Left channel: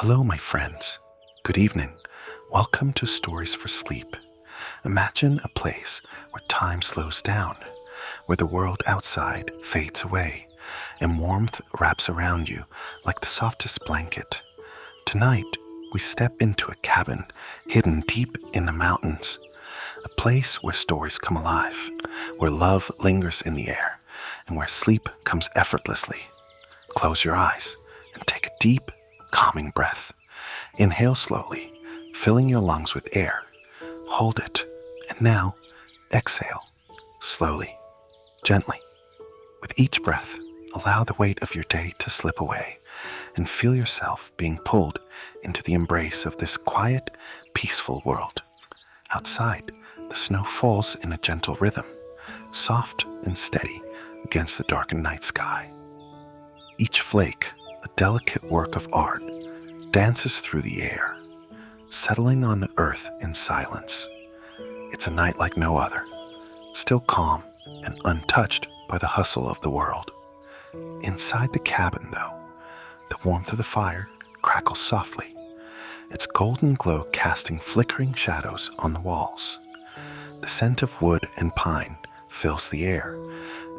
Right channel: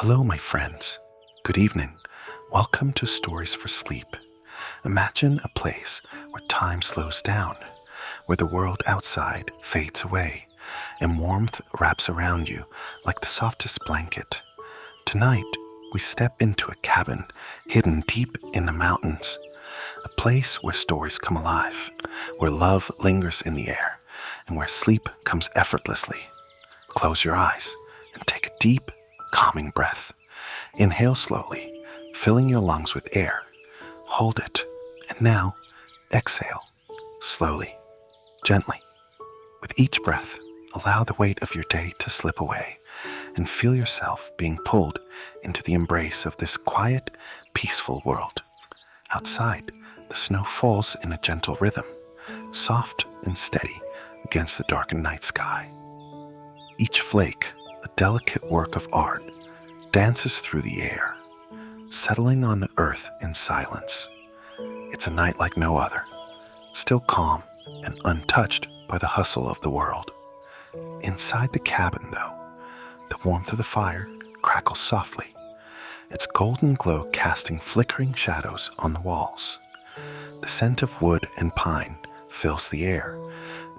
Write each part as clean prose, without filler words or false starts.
Hello, my friends. Good evening. Welcome to Stories for Sleep. Imagine a place where time slows down, where the world outside fades away, and warmth wraps around you like the softest blanket. Tonight, we step into a cabin hidden deep in the mountains, a place where stories come alive, where love lingers in the air, and where sleep comes effortlessly. Close your eyes and take a deep, calming breath. Inhale slowly, filling your lungs with air. Hold it, and now exhale, slowly, gently. With each breath, allow the weight of your day to slip away and feel yourself being pulled into the embrace of this quiet, peaceful world. Outside, the snow falls in a gentle rhythm, soft and steady against the darkened night sky. Each flake, a delicate work of art, dances through the air, settling on the earth in silence. It's a night like no other, still calm and untouched by the hustle of the world. Inside the cabin, though, the warmth of the fire crackles softly, its golden glow casting flickering shadows on the walls. The scent of wood and pine fills the air,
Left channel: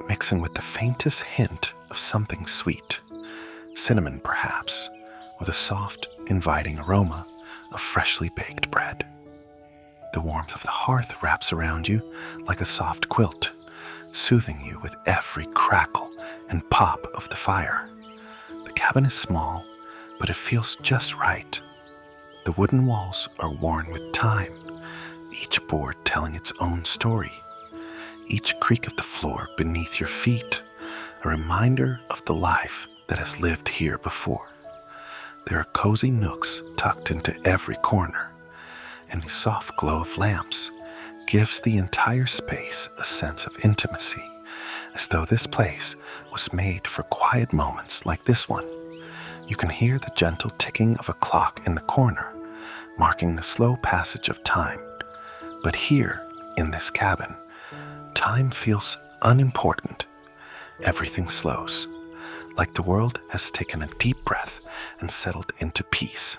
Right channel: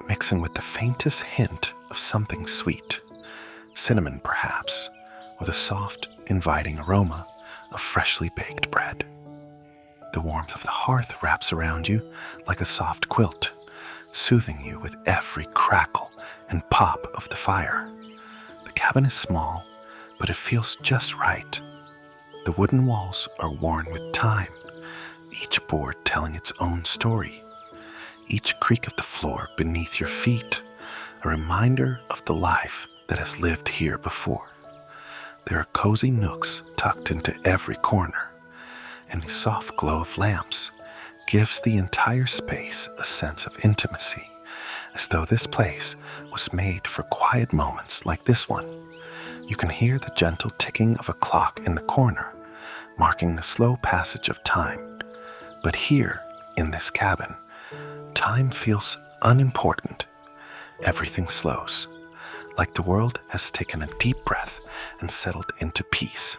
mixing with the faintest hint of something sweet, cinnamon perhaps, or the soft, inviting aroma of freshly baked bread. The warmth of the hearth wraps around you like a soft quilt, soothing you with every crackle and pop of the fire. The cabin is small, but it feels just right. The wooden walls are worn with time, each board telling its own story, each creak of the floor beneath your feet a reminder of the life that has lived here before. There are cozy nooks tucked into every corner, and the soft glow of lamps gives the entire space a sense of intimacy, as though this place was made for quiet moments like this one. You can hear the gentle ticking of a clock in the corner, marking the slow passage of time. But here, in this cabin, time feels unimportant. Everything slows, like the world has taken a deep breath and settled into peace.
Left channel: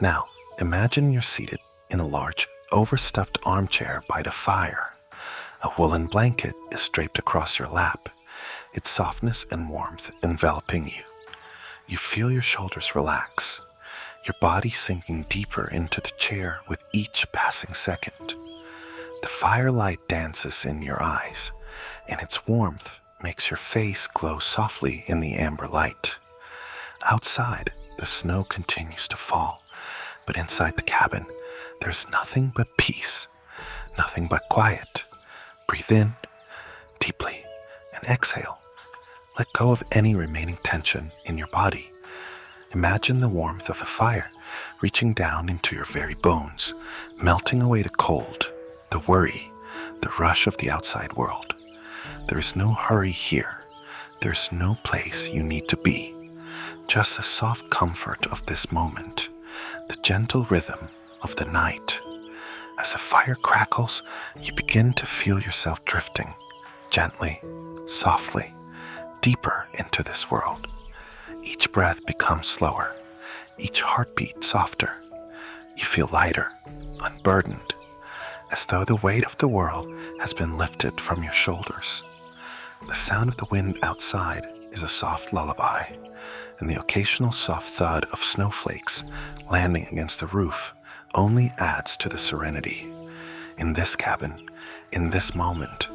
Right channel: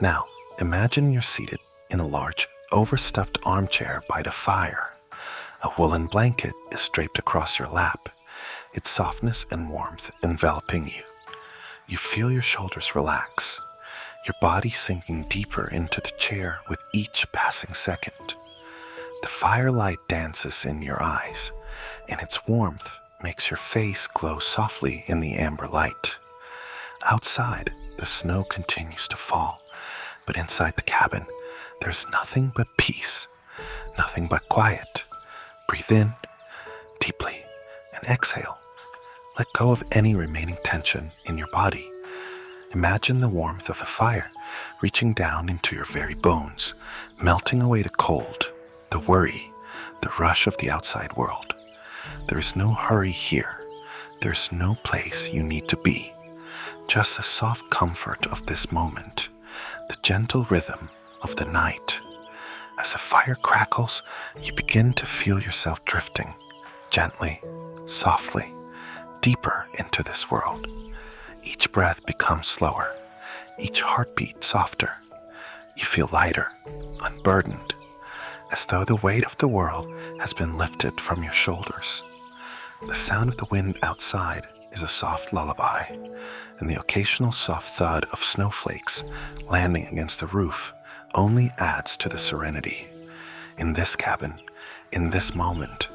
Now, imagine you're seated in a large, overstuffed armchair by the fire. A woolen blanket is draped across your lap, its softness and warmth enveloping you. You feel your shoulders relax, your body sinking deeper into the chair with each passing second. The firelight dances in your eyes, and its warmth makes your face glow softly in the amber light. Outside, the snow continues to fall, but inside the cabin, there's nothing but peace, nothing but quiet. Breathe in deeply and exhale. Let go of any remaining tension in your body. Imagine the warmth of a fire reaching down into your very bones, melting away the cold, the worry, the rush of the outside world. There is no hurry here. There's no place you need to be. Just the soft comfort of this moment, the gentle rhythm of the night. As the fire crackles, you begin to feel yourself drifting, gently, softly, deeper into this world. Each breath becomes slower, each heartbeat softer. You feel lighter, unburdened, as though the weight of the world has been lifted from your shoulders. The sound of the wind outside is a soft lullaby, and the occasional soft thud of snowflakes landing against the roof only adds to the serenity. In this cabin, in this moment,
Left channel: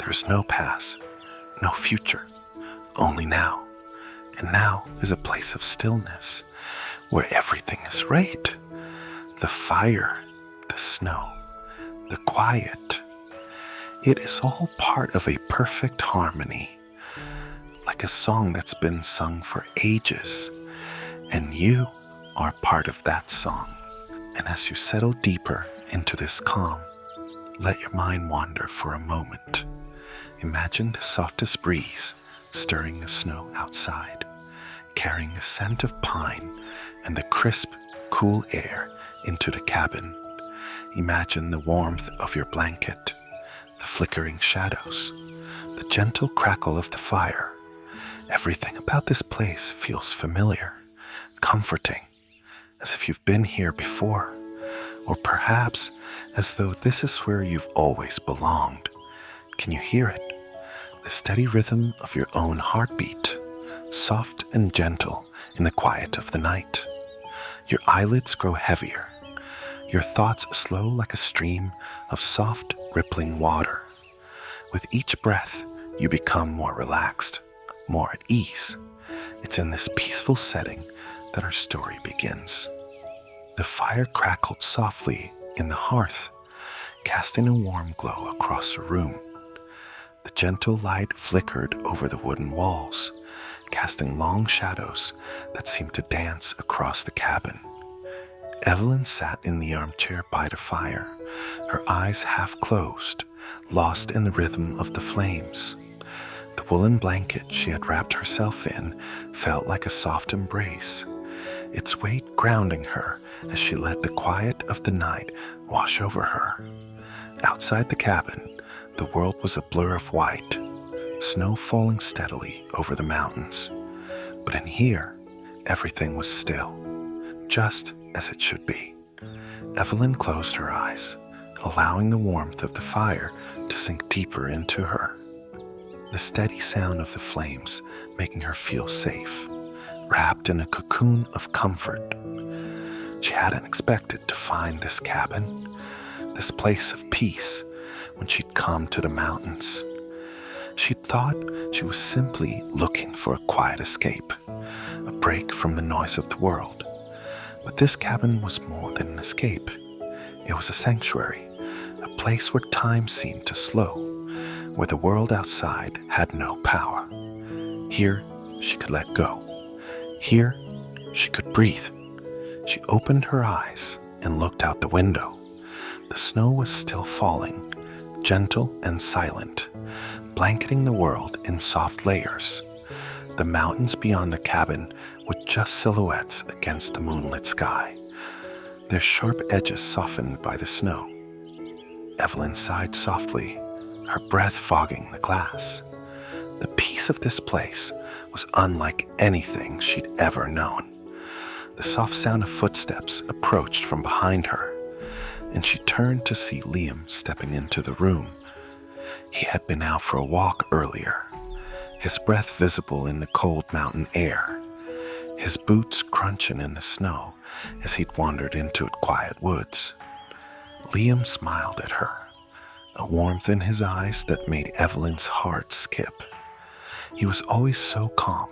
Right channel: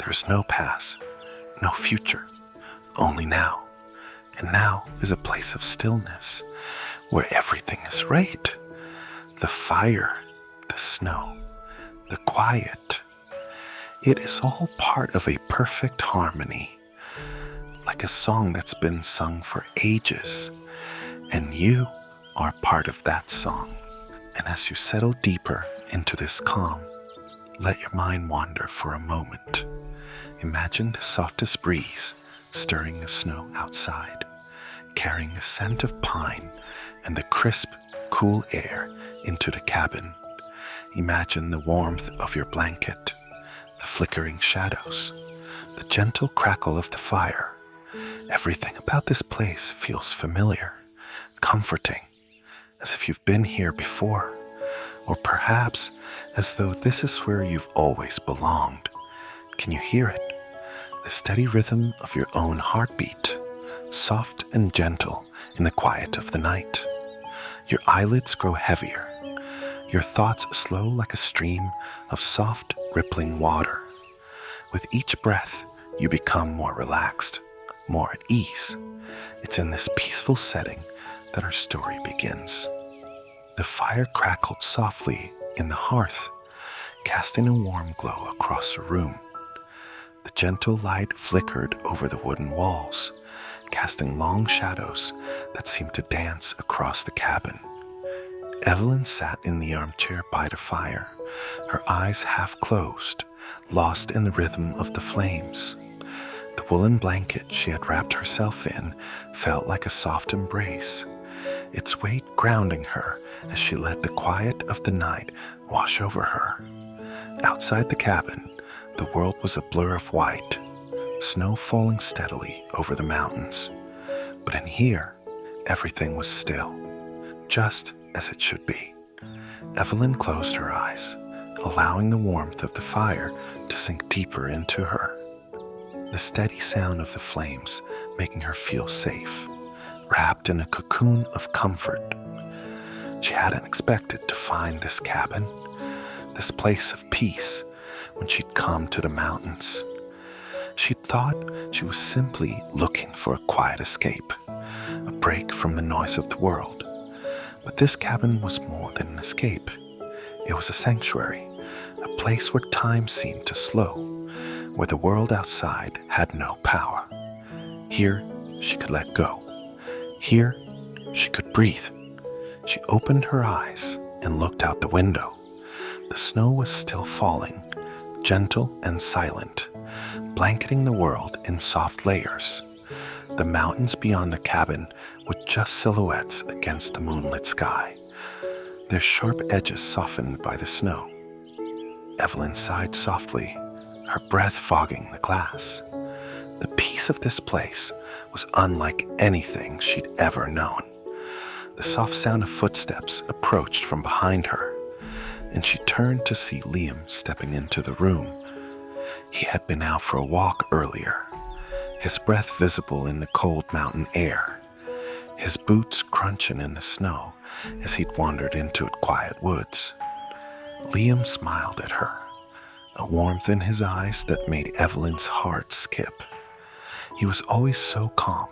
there is no past, no future, only now. And now is a place of stillness, where everything is right. The fire, the snow, the quiet. It is all part of a perfect harmony, like a song that's been sung for ages, and you are part of that song. And as you settle deeper into this calm, let your mind wander for a moment. Imagine the softest breeze stirring the snow outside, carrying a scent of pine and the crisp, cool air into the cabin. Imagine the warmth of your blanket, the flickering shadows, the gentle crackle of the fire. Everything about this place feels familiar, comforting, as if you've been here before, or perhaps as though this is where you've always belonged. Can you hear it? The steady rhythm of your own heartbeat, soft and gentle in the quiet of the night. Your eyelids grow heavier, your thoughts slow like a stream of soft, rippling water. With each breath, you become more relaxed, more at ease. It's in this peaceful setting that our story begins. The fire crackled softly in the hearth, casting a warm glow across the room. The gentle light flickered over the wooden walls, casting long shadows that seemed to dance across the cabin. Evelyn sat in the armchair by the fire, her eyes half closed, lost in the rhythm of the flames. The woolen blanket she had wrapped herself in felt like a soft embrace, its weight grounding her as she let the quiet of the night wash over her. Outside the cabin, the world was a blur of white, snow falling steadily over the mountains. But in here, everything was still, just as it should be. Evelyn closed her eyes, allowing the warmth of the fire to sink deeper into her. The steady sound of the flames making her feel safe, wrapped in a cocoon of comfort. She hadn't expected to find this cabin, this place of peace, when she'd come to the mountains. She'd thought she was simply looking for a quiet escape, a break from the noise of the world. But this cabin was more than an escape. It was a sanctuary, a place where time seemed to slow, where the world outside had no power. Here, she could let go. Here, she could breathe. She opened her eyes and looked out the window. The snow was still falling, gentle and silent, blanketing the world in soft layers. The mountains beyond the cabin were just silhouettes against the moonlit sky, their sharp edges softened by the snow. Evelyn sighed softly, her breath fogging the glass. The peace of this place was unlike anything she'd ever known. The soft sound of footsteps approached from behind her, and she turned to see Liam stepping into the room. He had been out for a walk earlier, his breath visible in the cold mountain air, his boots crunching in the snow as he'd wandered into quiet woods. Liam smiled at her, a warmth in his eyes that made Evelyn's heart skip. He was always so calm,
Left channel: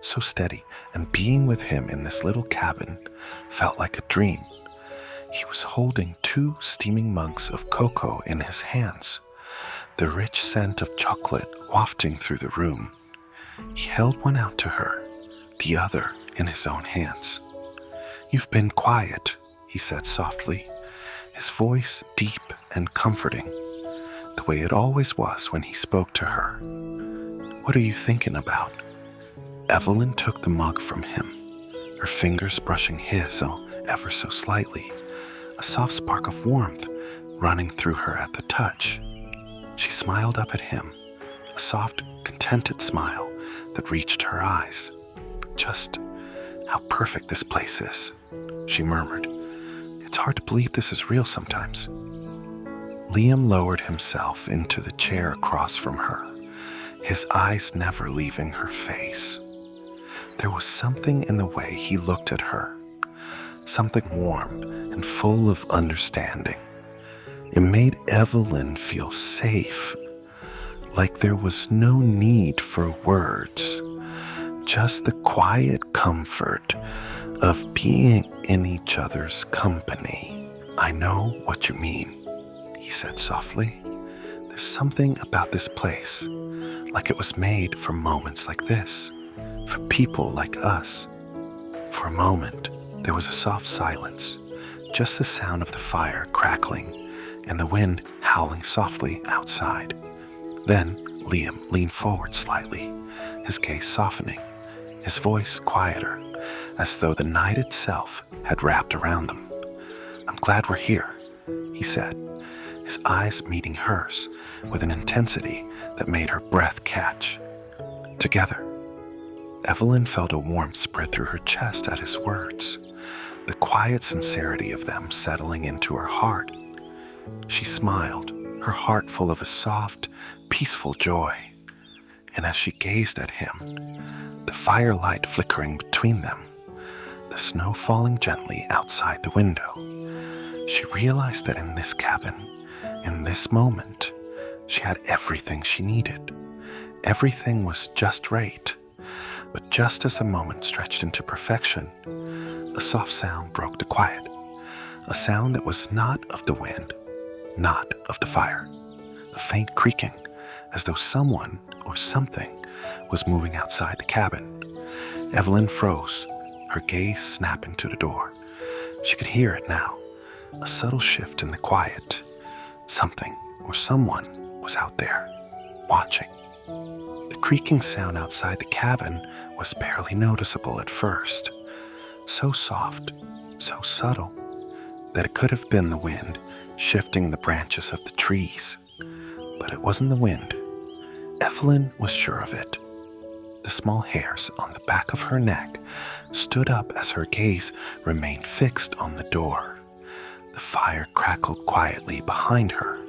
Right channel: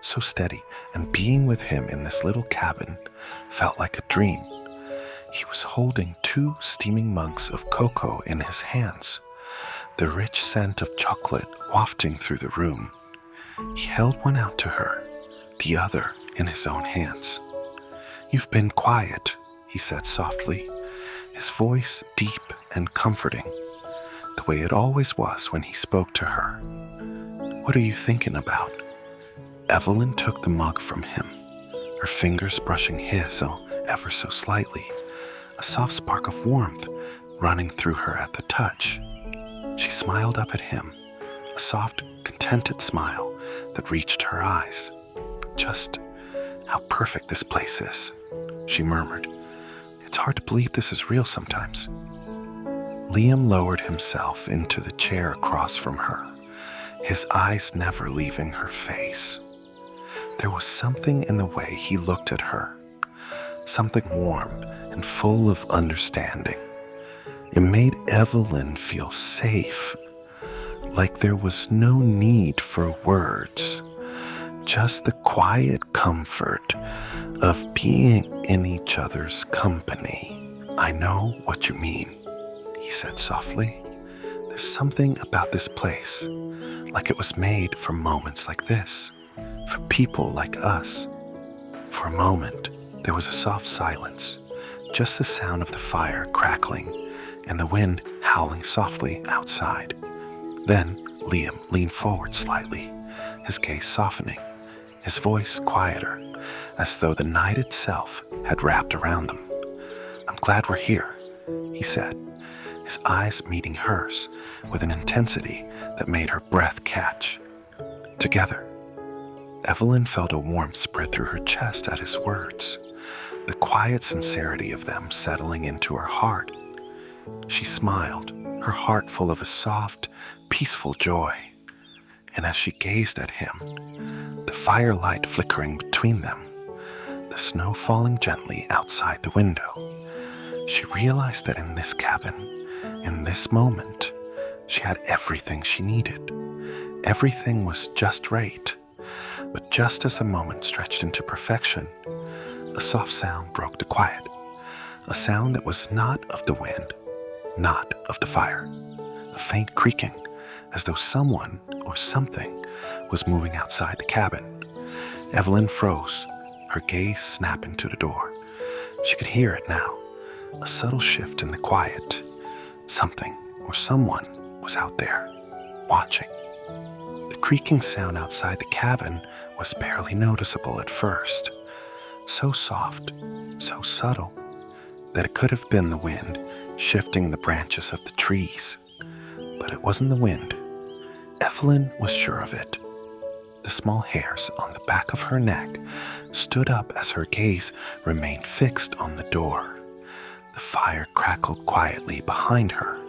so steady, and being with him in this little cabin felt like a dream. He was holding 2 steaming mugs of cocoa in his hands, the rich scent of chocolate wafting through the room. He held one out to her, the other in his own hands. "You've been quiet," he said softly, his voice deep and comforting, the way it always was when he spoke to her. "What are you thinking about?" Evelyn took the mug from him, her fingers brushing his ever so slightly, a soft spark of warmth running through her at the touch. She smiled up at him, a soft, contented smile that reached her eyes. "Just how perfect this place is," she murmured. "It's hard to believe this is real sometimes." Liam lowered himself into the chair across from her, his eyes never leaving her face. There was something in the way he looked at her, something warm and full of understanding. It made Evelyn feel safe, like there was no need for words, just the quiet comfort of being in each other's company. "I know what you mean," he said softly. "There's something about this place, like it was made for moments like this, for people like us." For a moment, there was a soft silence, just the sound of the fire crackling and the wind howling softly outside. Then Liam leaned forward slightly, his gaze softening, his voice quieter, as though the night itself had wrapped around them. "I'm glad we're here," he said, his eyes meeting hers with an intensity that made her breath catch. Together. Evelyn felt a warmth spread through her chest at his words, the quiet sincerity of them settling into her heart. She smiled, her heart full of a soft, peaceful joy. And as she gazed at him, the firelight flickering between them, the snow falling gently outside the window, she realized that in this cabin, in this moment, she had everything she needed. Everything was just right. But just as the moment stretched into perfection, a soft sound broke the quiet, a sound that was not of the wind, not of the fire, a faint creaking, as though someone or something was moving outside the cabin. Evelyn froze, her gaze snapping to the door. She could hear it now, a subtle shift in the quiet. Something or someone was out there, watching. The creaking sound outside the cabin was barely noticeable at first, so soft, so subtle, that it could have been the wind shifting the branches of the trees. But it wasn't the wind. Evelyn was sure of it. The small hairs on the back of her neck stood up as her gaze remained fixed on the door. The fire crackled quietly behind her,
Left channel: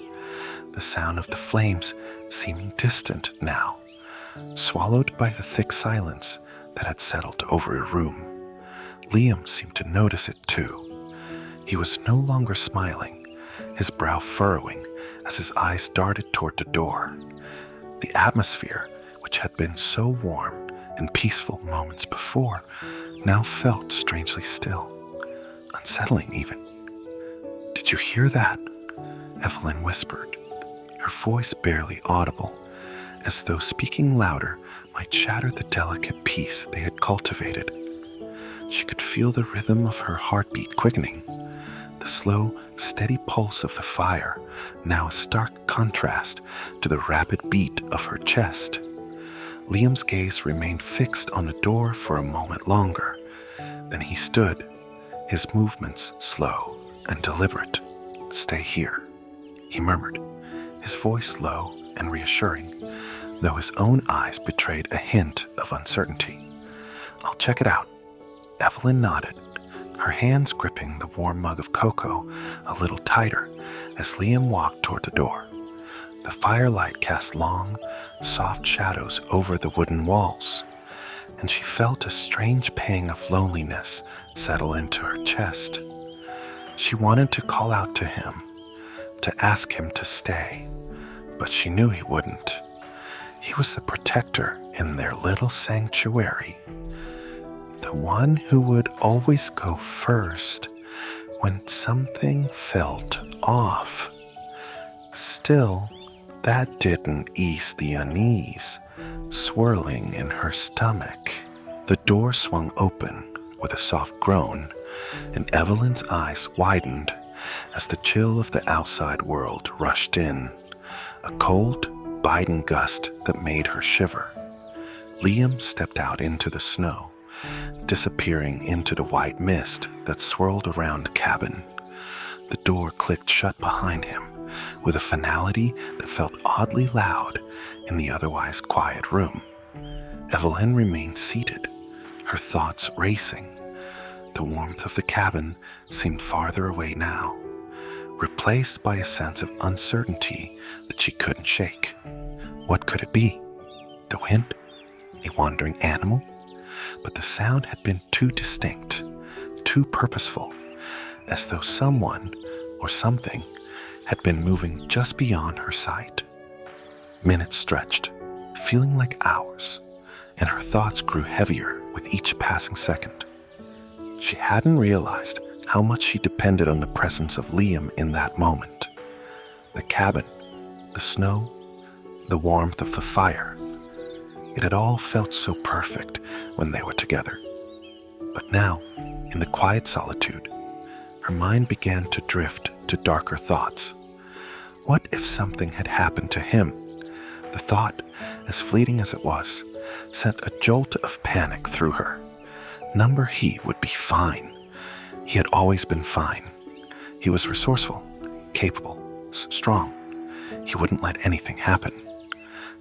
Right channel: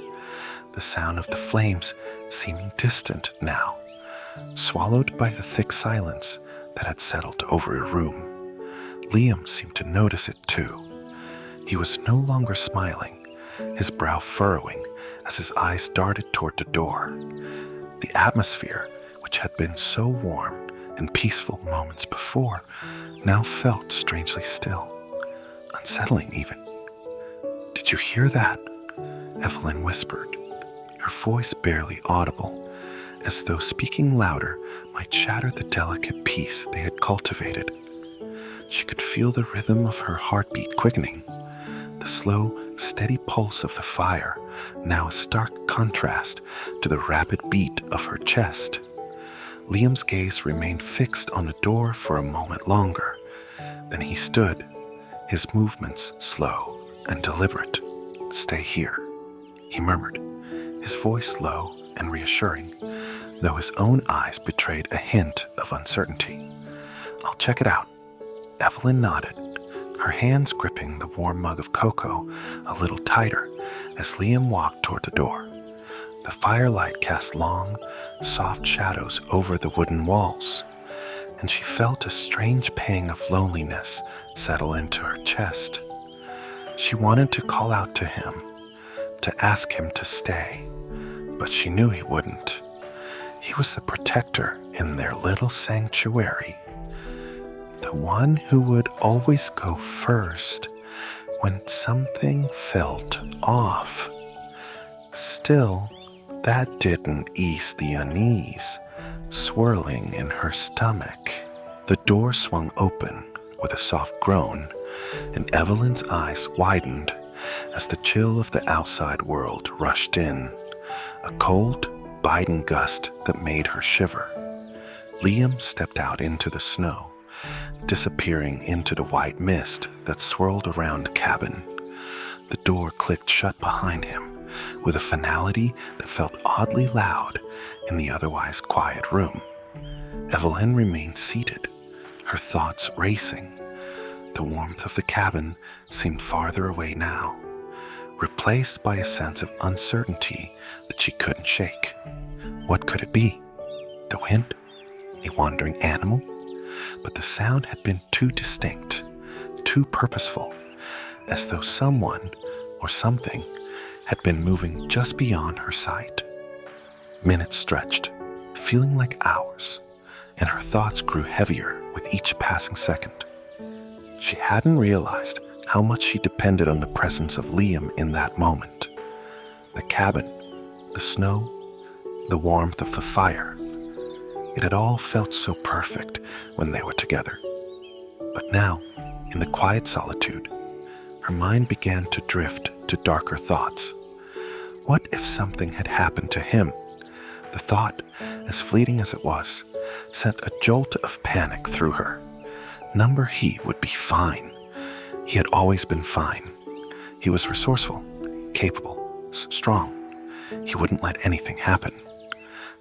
the sound of the flames seeming distant now, swallowed by the thick silence that had settled over the room. Liam seemed to notice it too. He was no longer smiling, his brow furrowing as his eyes darted toward the door. The atmosphere, which had been so warm and peaceful moments before, now felt strangely still, unsettling even. "Did you hear that?" Evelyn whispered, her voice barely audible, as though speaking louder might shatter the delicate peace they had cultivated. She could feel the rhythm of her heartbeat quickening, the slow, steady pulse of the fire, now a stark contrast to the rapid beat of her chest. Liam's gaze remained fixed on the door for a moment longer. Then he stood, his movements slow and deliberate. "Stay here," he murmured, his voice low and reassuring, though his own eyes betrayed a hint of uncertainty. "I'll check it out." Evelyn nodded, her hands gripping the warm mug of cocoa a little tighter as Liam walked toward the door. The firelight cast long, soft shadows over the wooden walls, and she felt a strange pang of loneliness settle into her chest. She wanted to call out to him, to ask him to stay, but she knew he wouldn't. He was the protector in their little sanctuary, the one who would always go first when something felt off. Still, that didn't ease the unease swirling in her stomach. The door swung open with a soft groan, and Evelyn's eyes widened as the chill of the outside world rushed in, a cold, biting gust that made her shiver. Liam stepped out into the snow, disappearing into the white mist that swirled around the cabin. The door clicked shut behind him with a finality that felt oddly loud in the otherwise quiet room. Evelyn remained seated, her thoughts racing. The warmth of the cabin seemed farther away now, replaced by a sense of uncertainty that she couldn't shake. What could it be? The wind? A wandering animal? But the sound had been too distinct, too purposeful, as though someone or something had been moving just beyond her sight. Minutes stretched, feeling like hours, and her thoughts grew heavier with each passing second. She hadn't realized how much she depended on the presence of Liam in that moment. The cabin, the snow, the warmth of the fire. It had all felt so perfect when they were together. But now, in the quiet solitude, her mind began to drift to darker thoughts. What if something had happened to him? The thought, as fleeting as it was, sent a jolt of panic through her. Number he would be fine. He had always been fine. He was resourceful, capable, strong. He wouldn't let anything happen.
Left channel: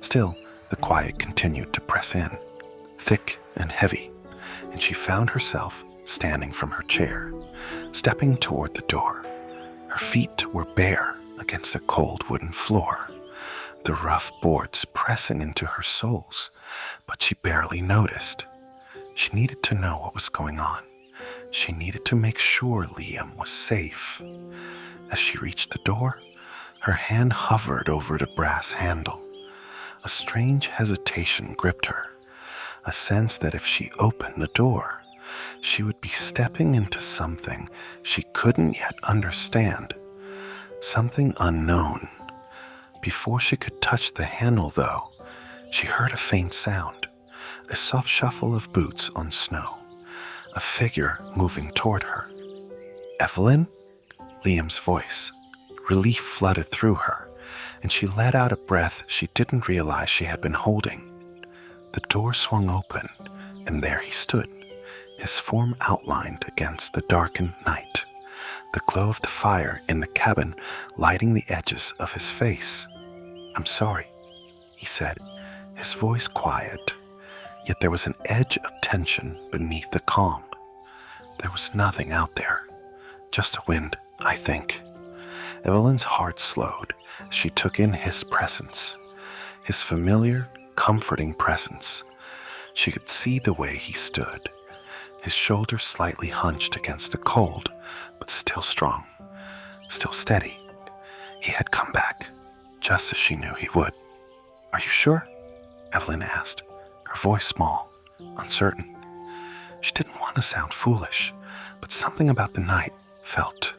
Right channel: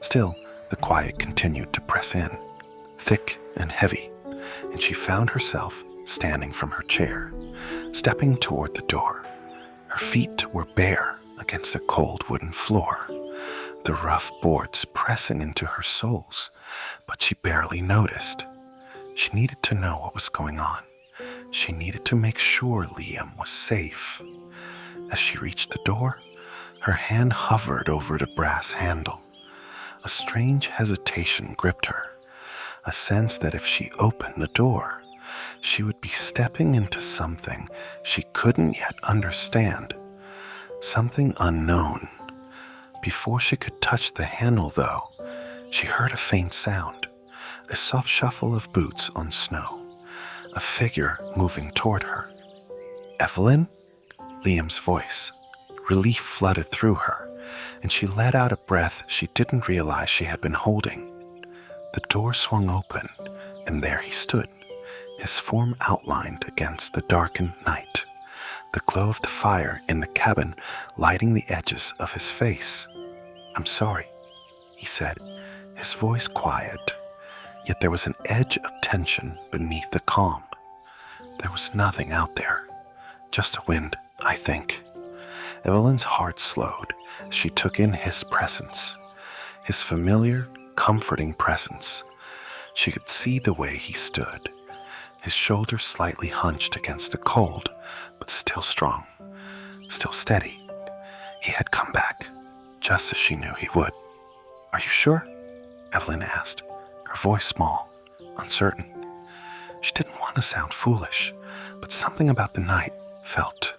Still, the quiet continued to press in, thick and heavy, and she found herself standing from her chair, stepping toward the door. Her feet were bare against the cold wooden floor, the rough boards pressing into her soles, but she barely noticed. She needed to know what was going on. She needed to make sure Liam was safe. As she reached the door, her hand hovered over the brass handle. A strange hesitation gripped her, a sense that if she opened the door, she would be stepping into something she couldn't yet understand, something unknown. Before she could touch the handle, though, she heard a faint sound, a soft shuffle of boots on snow, a figure moving toward her. "Evelyn?" Liam's voice. Relief flooded through her, and she let out a breath she didn't realize she had been holding. The door swung open, and there he stood, his form outlined against the darkened night, the glow of the fire in the cabin lighting the edges of his face. "I'm sorry," he said, his voice quiet, yet there was an edge of tension beneath the calm. There was nothing out there, just a wind, I think. Evelyn's heart slowed as she took in his presence, his familiar, comforting presence. She could see the way he stood, his shoulders slightly hunched against the cold, but still strong, still steady. He had come back, just as she knew he would. "Are you sure?" Evelyn asked, her voice small, uncertain. She didn't want to sound foolish, but something about the night felt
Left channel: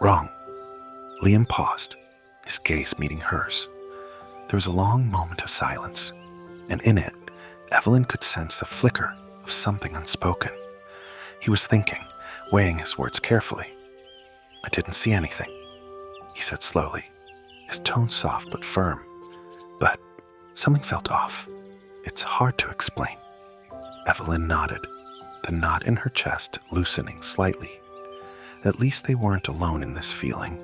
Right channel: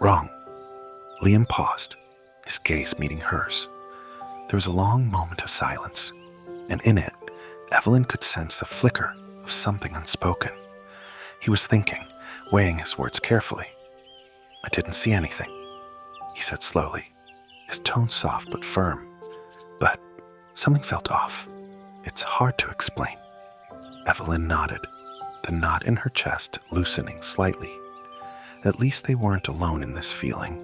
wrong. Liam paused, his gaze meeting hers. There was a long moment of silence, and in it, Evelyn could sense the flicker of something unspoken. He was thinking, weighing his words carefully. "I didn't see anything," he said slowly, his tone soft but firm. "But something felt off. It's hard to explain." Evelyn nodded, the knot in her chest loosening slightly. At least they weren't alone in this feeling.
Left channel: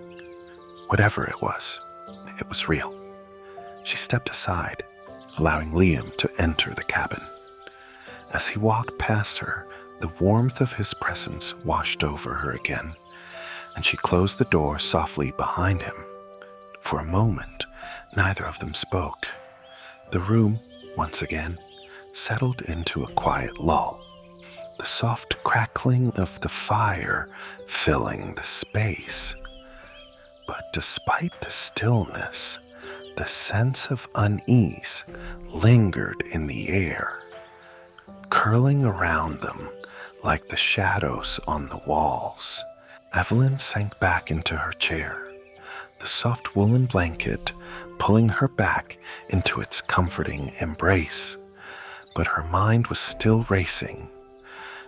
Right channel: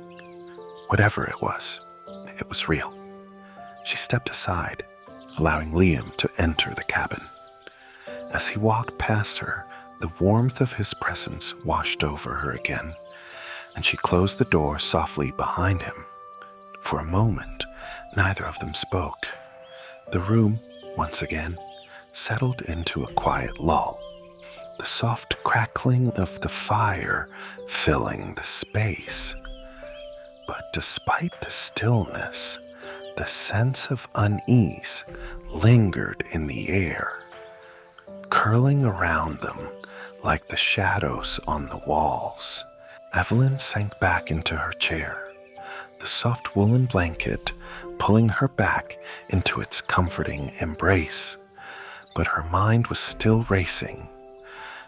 Whatever it was real. She stepped aside, allowing Liam to enter the cabin. As he walked past her, the warmth of his presence washed over her again, and she closed the door softly behind him. For a moment, neither of them spoke. The room, once again, settled into a quiet lull, the soft crackling of the fire filling the space. But despite the stillness, the sense of unease lingered in the air, curling around them like the shadows on the walls. Evelyn sank back into her chair, the soft woolen blanket pulling her back into its comforting embrace. But her mind was still racing.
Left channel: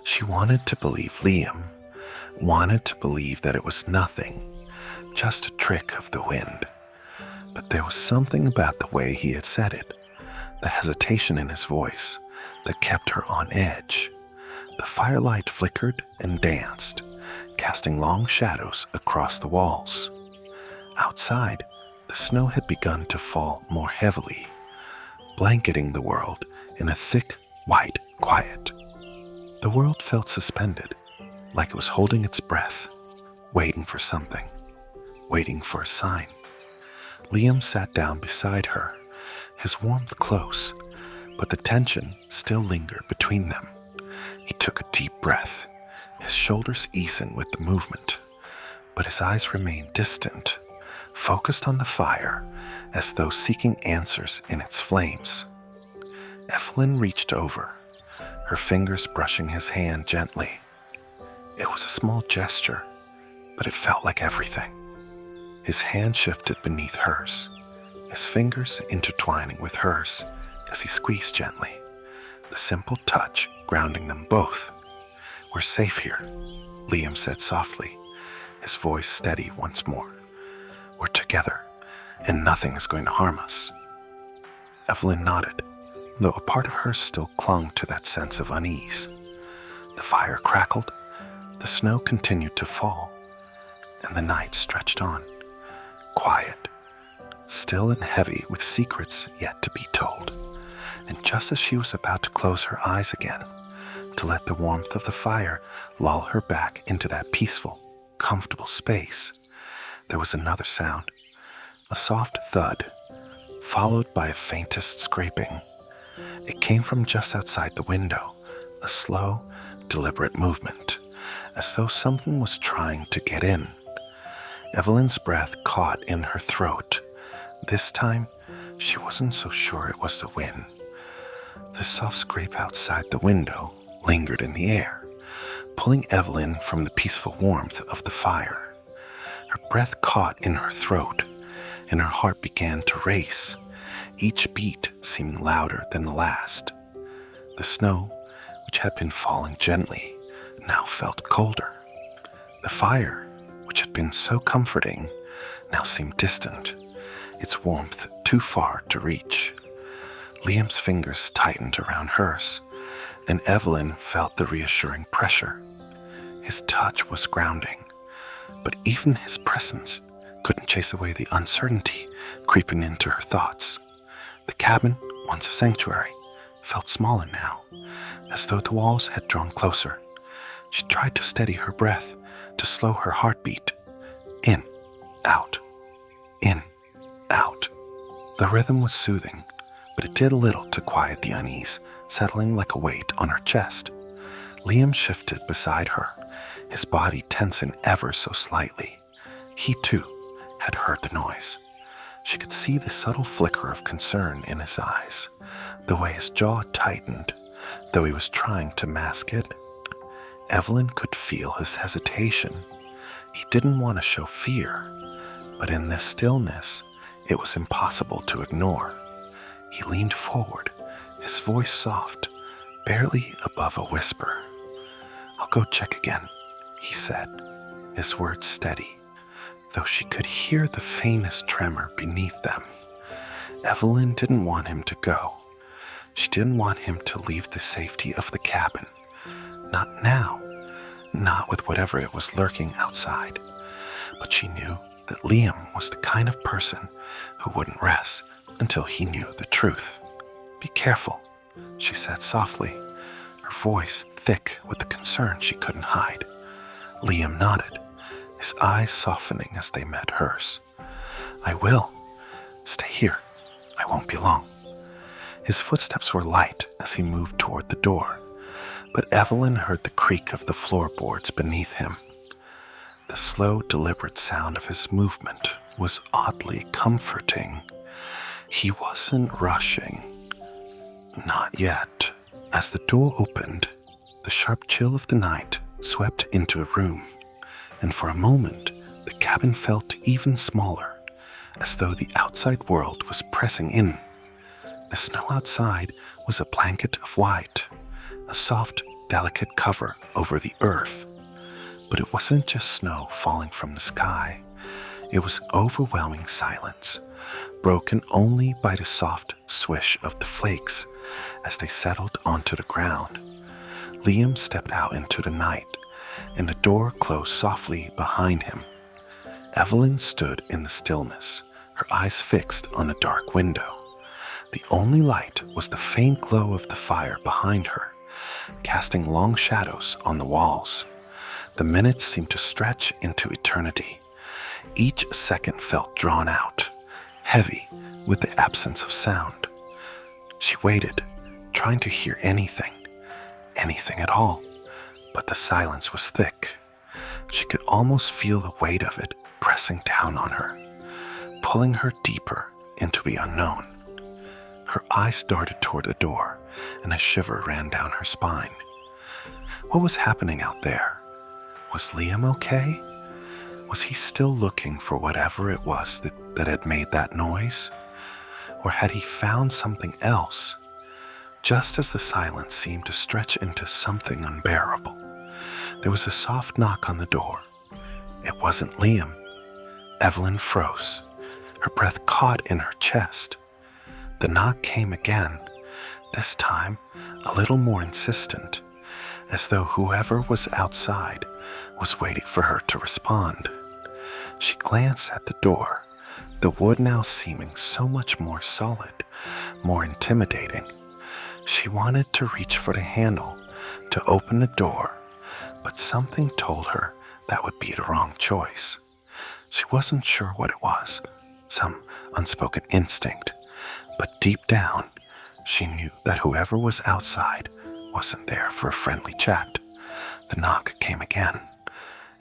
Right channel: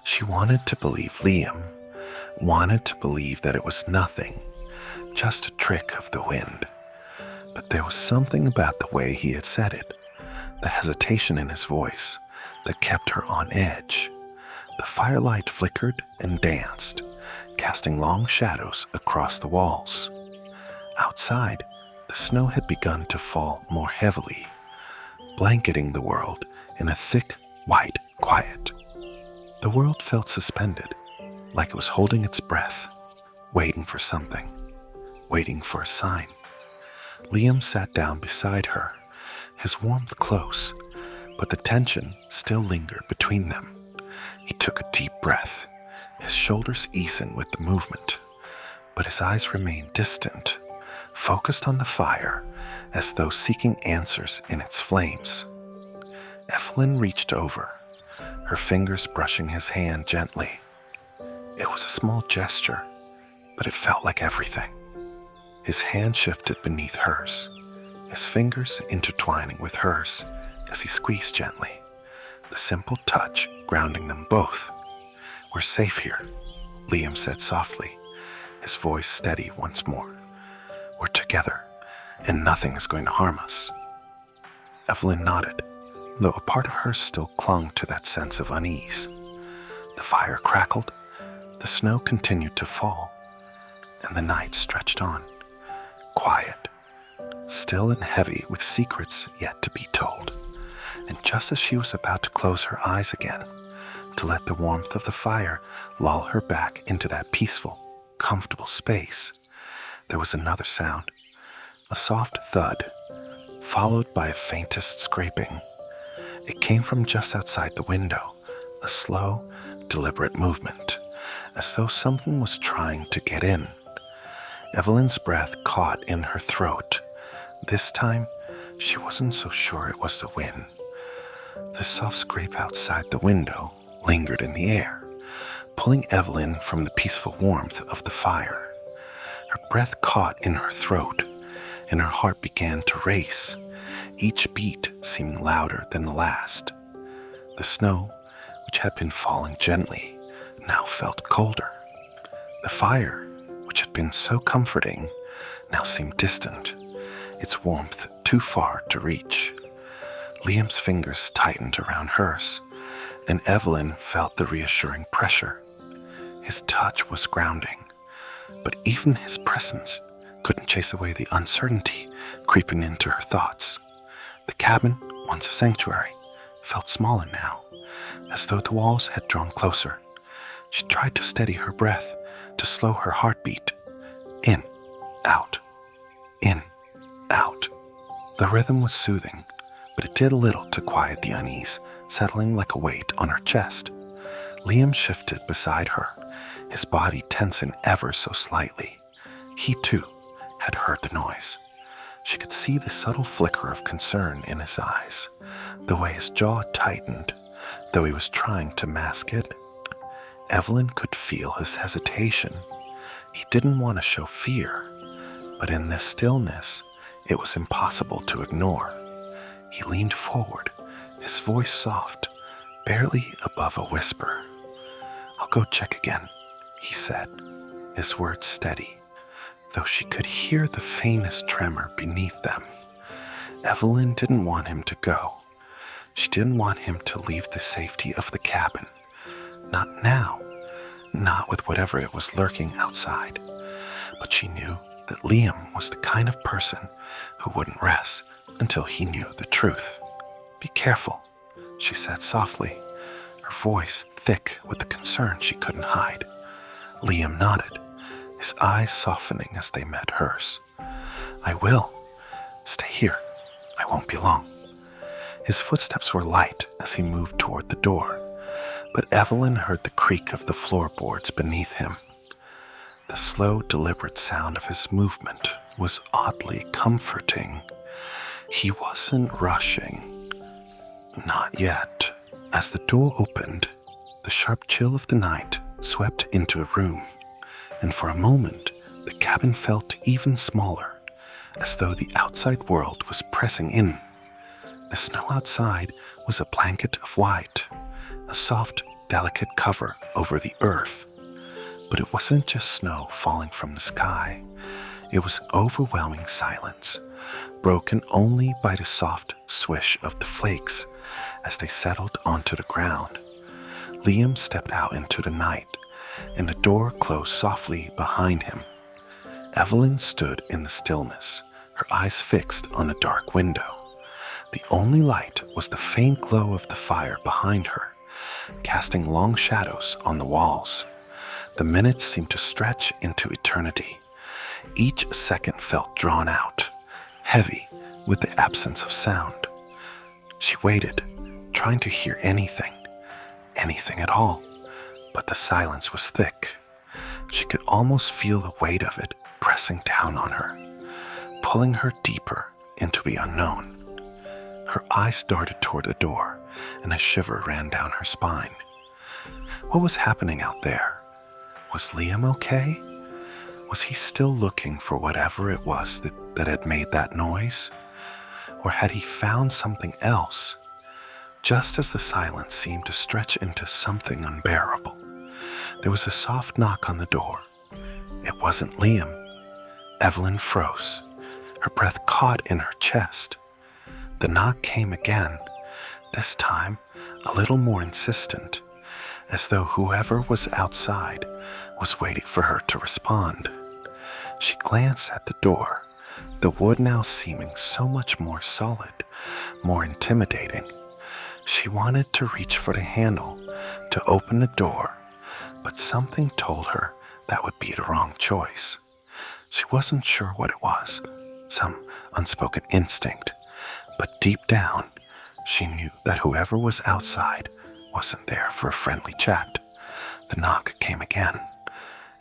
She wanted to believe Liam, wanted to believe that it was nothing, just a trick of the wind. But there was something about the way he had said it, the hesitation in his voice, that kept her on edge. The firelight flickered and danced, casting long shadows across the walls. Outside, the snow had begun to fall more heavily, blanketing the world in a thick, white quiet. The world felt suspended, like it was holding its breath, waiting for something, waiting for a sign. Liam sat down beside her, his warmth close, but the tension still lingered between them. He took a deep breath, his shoulders easing with the movement, but his eyes remained distant, focused on the fire, as though seeking answers in its flames. Evelyn reached over, her fingers brushing his hand gently. It was a small gesture, but it felt like everything. His hand shifted beneath hers, his fingers intertwining with hers as he squeezed gently, the simple touch grounding them both. "We're safe here," Liam said softly, his voice steady once more. "We're together, and nothing is going to harm us." Evelyn nodded, though a part of her still clung to that sense of unease. The fire crackled, the snow continued to fall, and the night stretched on, quiet, still and heavy with secrets yet to be told. And just as she was about to close her eyes again, to let the warmth of the fire lull her back into that peaceful, comfortable space. There was another sound, a soft thud, followed by a faintest scraping. It came from just outside the window, a slow, deliberate movement, as though something was trying to get in. Evelyn's breath caught in her throat. This time, she wasn't so sure it was the wind. The soft scrape outside the window lingered in the air, pulling Evelyn from the peaceful warmth of the fire. Her breath caught in her throat, and her heart began to race, each beat seeming louder than the last. The snow, which had been falling gently, now felt colder. The fire, which had been so comforting, now seemed distant, its warmth too far to reach. Liam's fingers tightened around hers, and Evelyn felt the reassuring pressure. His touch was grounding, but even his presence couldn't chase away the uncertainty creeping into her thoughts. The cabin, once a sanctuary, felt smaller now, as though the walls had drawn closer. She tried to steady her breath, to slow her heartbeat. In, out, in, out. The rhythm was soothing, but it did little to quiet the unease, settling like a weight on her chest. Liam shifted beside her, his body tensing ever so slightly. He, too, had heard the noise. She could see the subtle flicker of concern in his eyes, the way his jaw tightened, though he was trying to mask it. Evelyn could feel his hesitation. He didn't want to show fear, but in this stillness, it was impossible to ignore. He leaned forward, his voice soft, barely above a whisper. "I'll go check again," he said, his words steady, though she could hear the faintest tremor beneath them. Evelyn didn't want him to go. She didn't want him to leave the safety of the cabin. Not now, not with whatever it was lurking outside. But she knew that Liam was the kind of person who wouldn't rest until he knew the truth. "Be careful," she said softly, her voice thick with the concern she couldn't hide. Liam nodded, his eyes softening as they met hers. "I will. Stay here. I won't be long." His footsteps were light as he moved toward the door, but Evelyn heard the creak of the floorboards beneath him. The slow, deliberate sound of his movement was oddly comforting. He wasn't rushing. Not yet. As the door opened, the sharp chill of the night swept into the room, and for a moment the cabin felt even smaller, as though the outside world was pressing in. The snow outside was a blanket of white, a soft, delicate cover over the earth. But it wasn't just snow falling from the sky. It was an overwhelming silence, broken only by the soft swish of the flakes as they settled onto the ground. Liam stepped out into the night, and the door closed softly behind him. Evelyn stood in the stillness, her eyes fixed on a dark window. The only light was the faint glow of the fire behind her, casting long shadows on the walls. The minutes seemed to stretch into eternity. Each second felt drawn out, heavy with the absence of sound. She waited, trying to hear anything at all, but the silence was thick. She could almost feel the weight of it pressing down on her, pulling her deeper into the unknown. Her eyes darted toward the door, and a shiver ran down her spine. What was happening out there? Was Liam okay? Was he still looking for whatever it was that had made that noise? Or had he found something else? Just as the silence seemed to stretch into something unbearable, there was a soft knock on the door. It wasn't Liam. Evelyn froze, her breath caught in her chest. The knock came again, this time a little more insistent, as though whoever was outside was waiting for her to respond. She glanced at the door, the wood now seeming so much more solid, more intimidating. She wanted to reach for the handle, to open the door, but something told her that would be the wrong choice. She wasn't sure what it was, some unspoken instinct, but deep down, she knew that whoever was outside wasn't there for a friendly chat. The knock came again.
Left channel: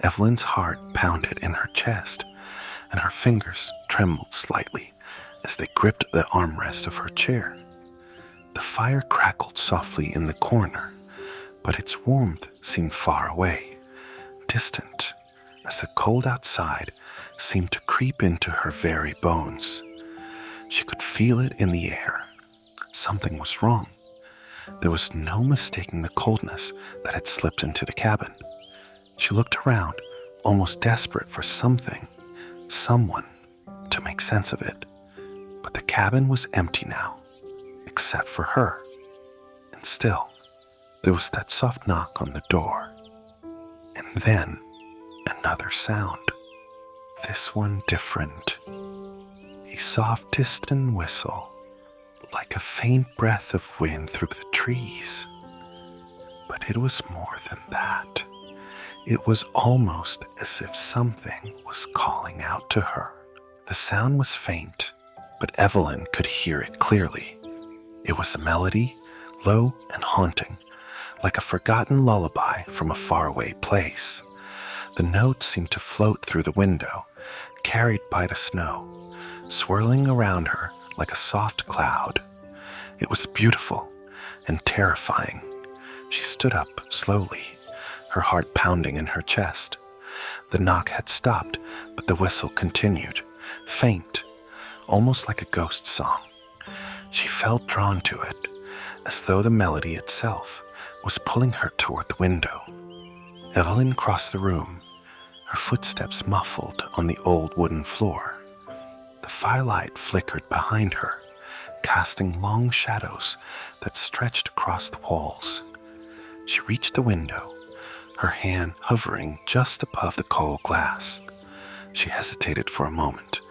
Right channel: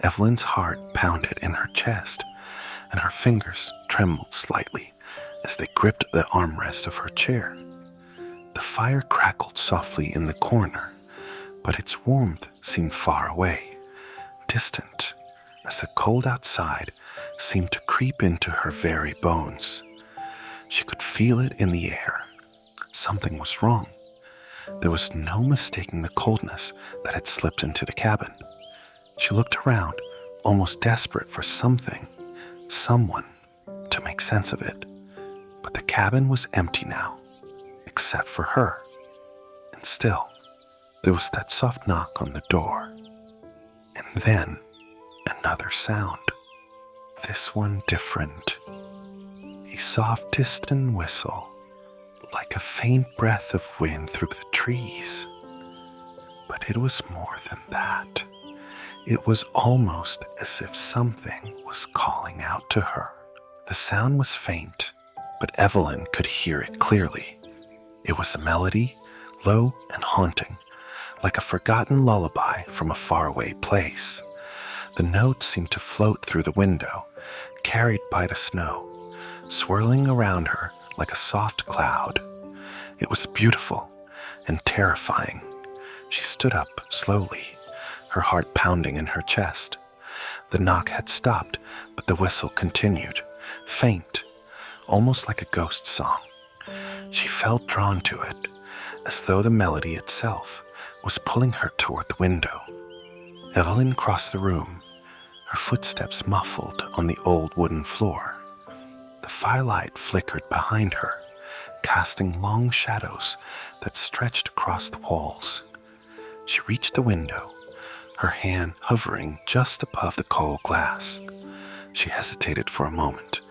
Evelyn's heart pounded in her chest, and her fingers trembled slightly as they gripped the armrest of her chair. The fire crackled softly in the corner, but its warmth seemed far away, distant, as the cold outside seemed to creep into her very bones. She could feel it in the air. Something was wrong. There was no mistaking the coldness that had slipped into the cabin. She looked around, almost desperate for something, someone, to make sense of it. But the cabin was empty now, except for her. And still, there was that soft knock on the door. And then, another sound. This one different. A soft, distant whistle, like a faint breath of wind through the trees. But it was more than that. It was almost as if something was calling out to her. The sound was faint, but Evelyn could hear it clearly. It was a melody, low and haunting, like a forgotten lullaby from a faraway place. The notes seemed to float through the window, carried by the snow, swirling around her like a soft cloud. It was beautiful and terrifying. She stood up slowly, her heart pounding in her chest. The knock had stopped, but the whistle continued, faint, almost like a ghost song. She felt drawn to it, as though the melody itself was pulling her toward the window. Evelyn crossed the room, her footsteps muffled on the old wooden floor. The firelight flickered behind her, casting long shadows that stretched across the walls. She reached the window, her hand hovering just above the cold glass. She hesitated for a moment,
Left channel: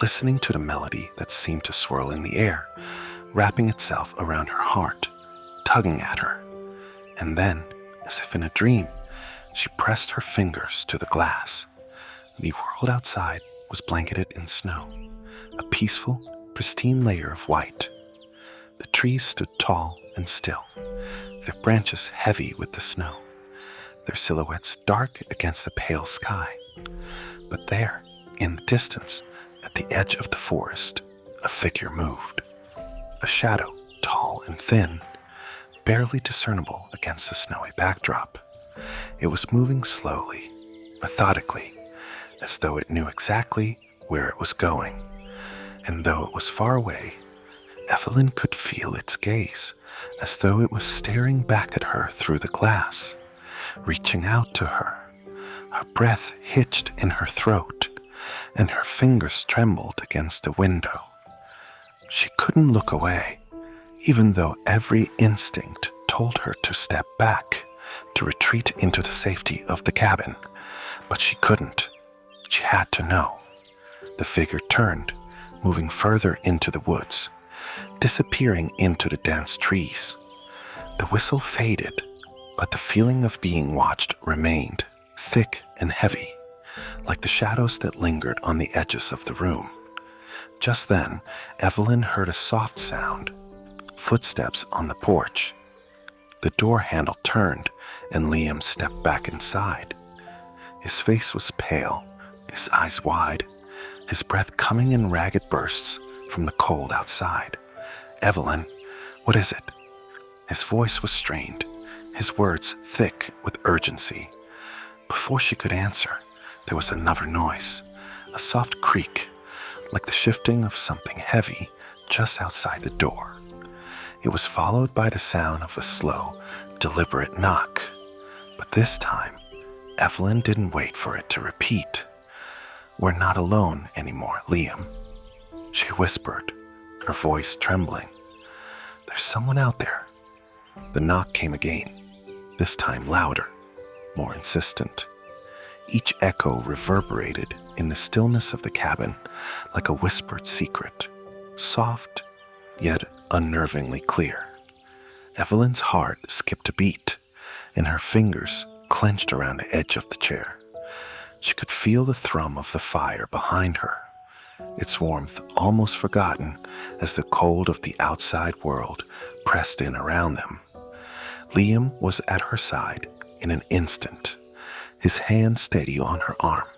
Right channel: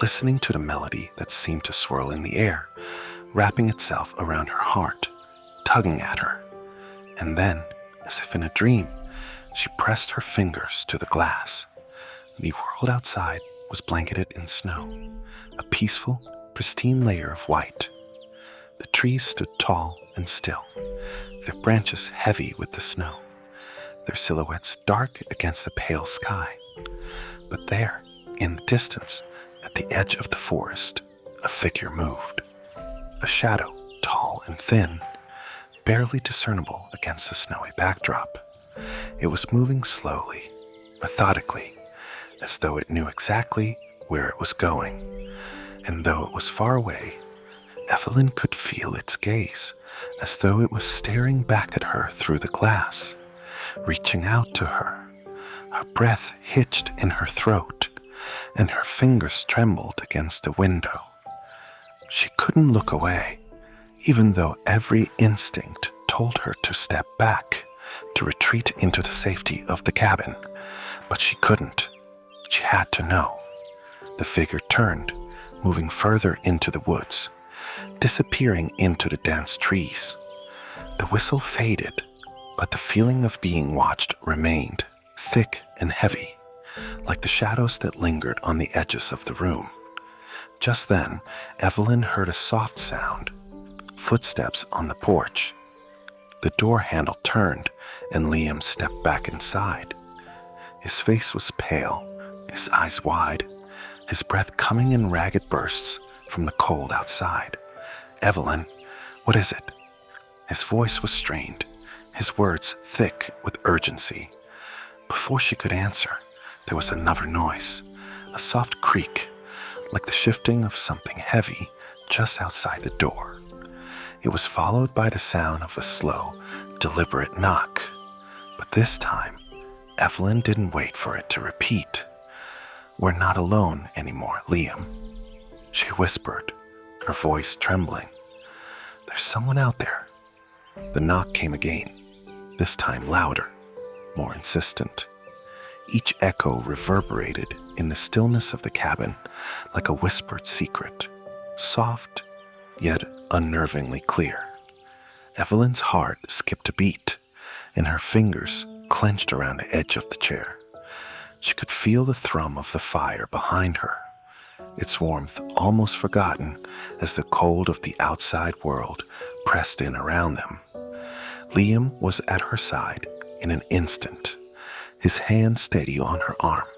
listening to the melody that seemed to swirl in the air, wrapping itself around her heart, tugging at her. And then, as if in a dream, she pressed her fingers to the glass. The world outside was blanketed in snow, a peaceful, pristine layer of white. The trees stood tall and still, their branches heavy with the snow, their silhouettes dark against the pale sky. But there, in the distance, at the edge of the forest, a figure moved. A shadow, tall and thin, barely discernible against the snowy backdrop. It was moving slowly, methodically, as though it knew exactly where it was going. And though it was far away, Evelyn could feel its gaze, as though it was staring back at her through the glass, reaching out to her. Her breath hitched in her throat, and her fingers trembled against the window. She couldn't look away, even though every instinct told her to step back, to retreat into the safety of the cabin. But she couldn't. She had to know. The figure turned, moving further into the woods, disappearing into the dense trees. The whistle faded, but the feeling of being watched remained, thick and heavy, like the shadows that lingered on the edges of the room. Just then, Evelyn heard a soft sound, footsteps on the porch. The door handle turned, and Liam stepped back inside. His face was pale, his eyes wide, his breath coming in ragged bursts from the cold outside. "Evelyn, what is it?" His voice was strained, his words thick with urgency. Before she could answer, there was another noise, a soft creak, like the shifting of something heavy just outside the door. It was followed by the sound of a slow, deliberate knock. But this time, Evelyn didn't wait for it to repeat. "We're not alone anymore, Liam," she whispered, her voice trembling. "There's someone out there." The knock came again, this time louder, more insistent. Each echo reverberated in the stillness of the cabin like a whispered secret, soft yet unnervingly clear. Evelyn's heart skipped a beat, and her fingers clenched around the edge of the chair. She could feel the thrum of the fire behind her, its warmth almost forgotten as the cold of the outside world pressed in around them. Liam was at her side in an instant, his hand steady on her arm.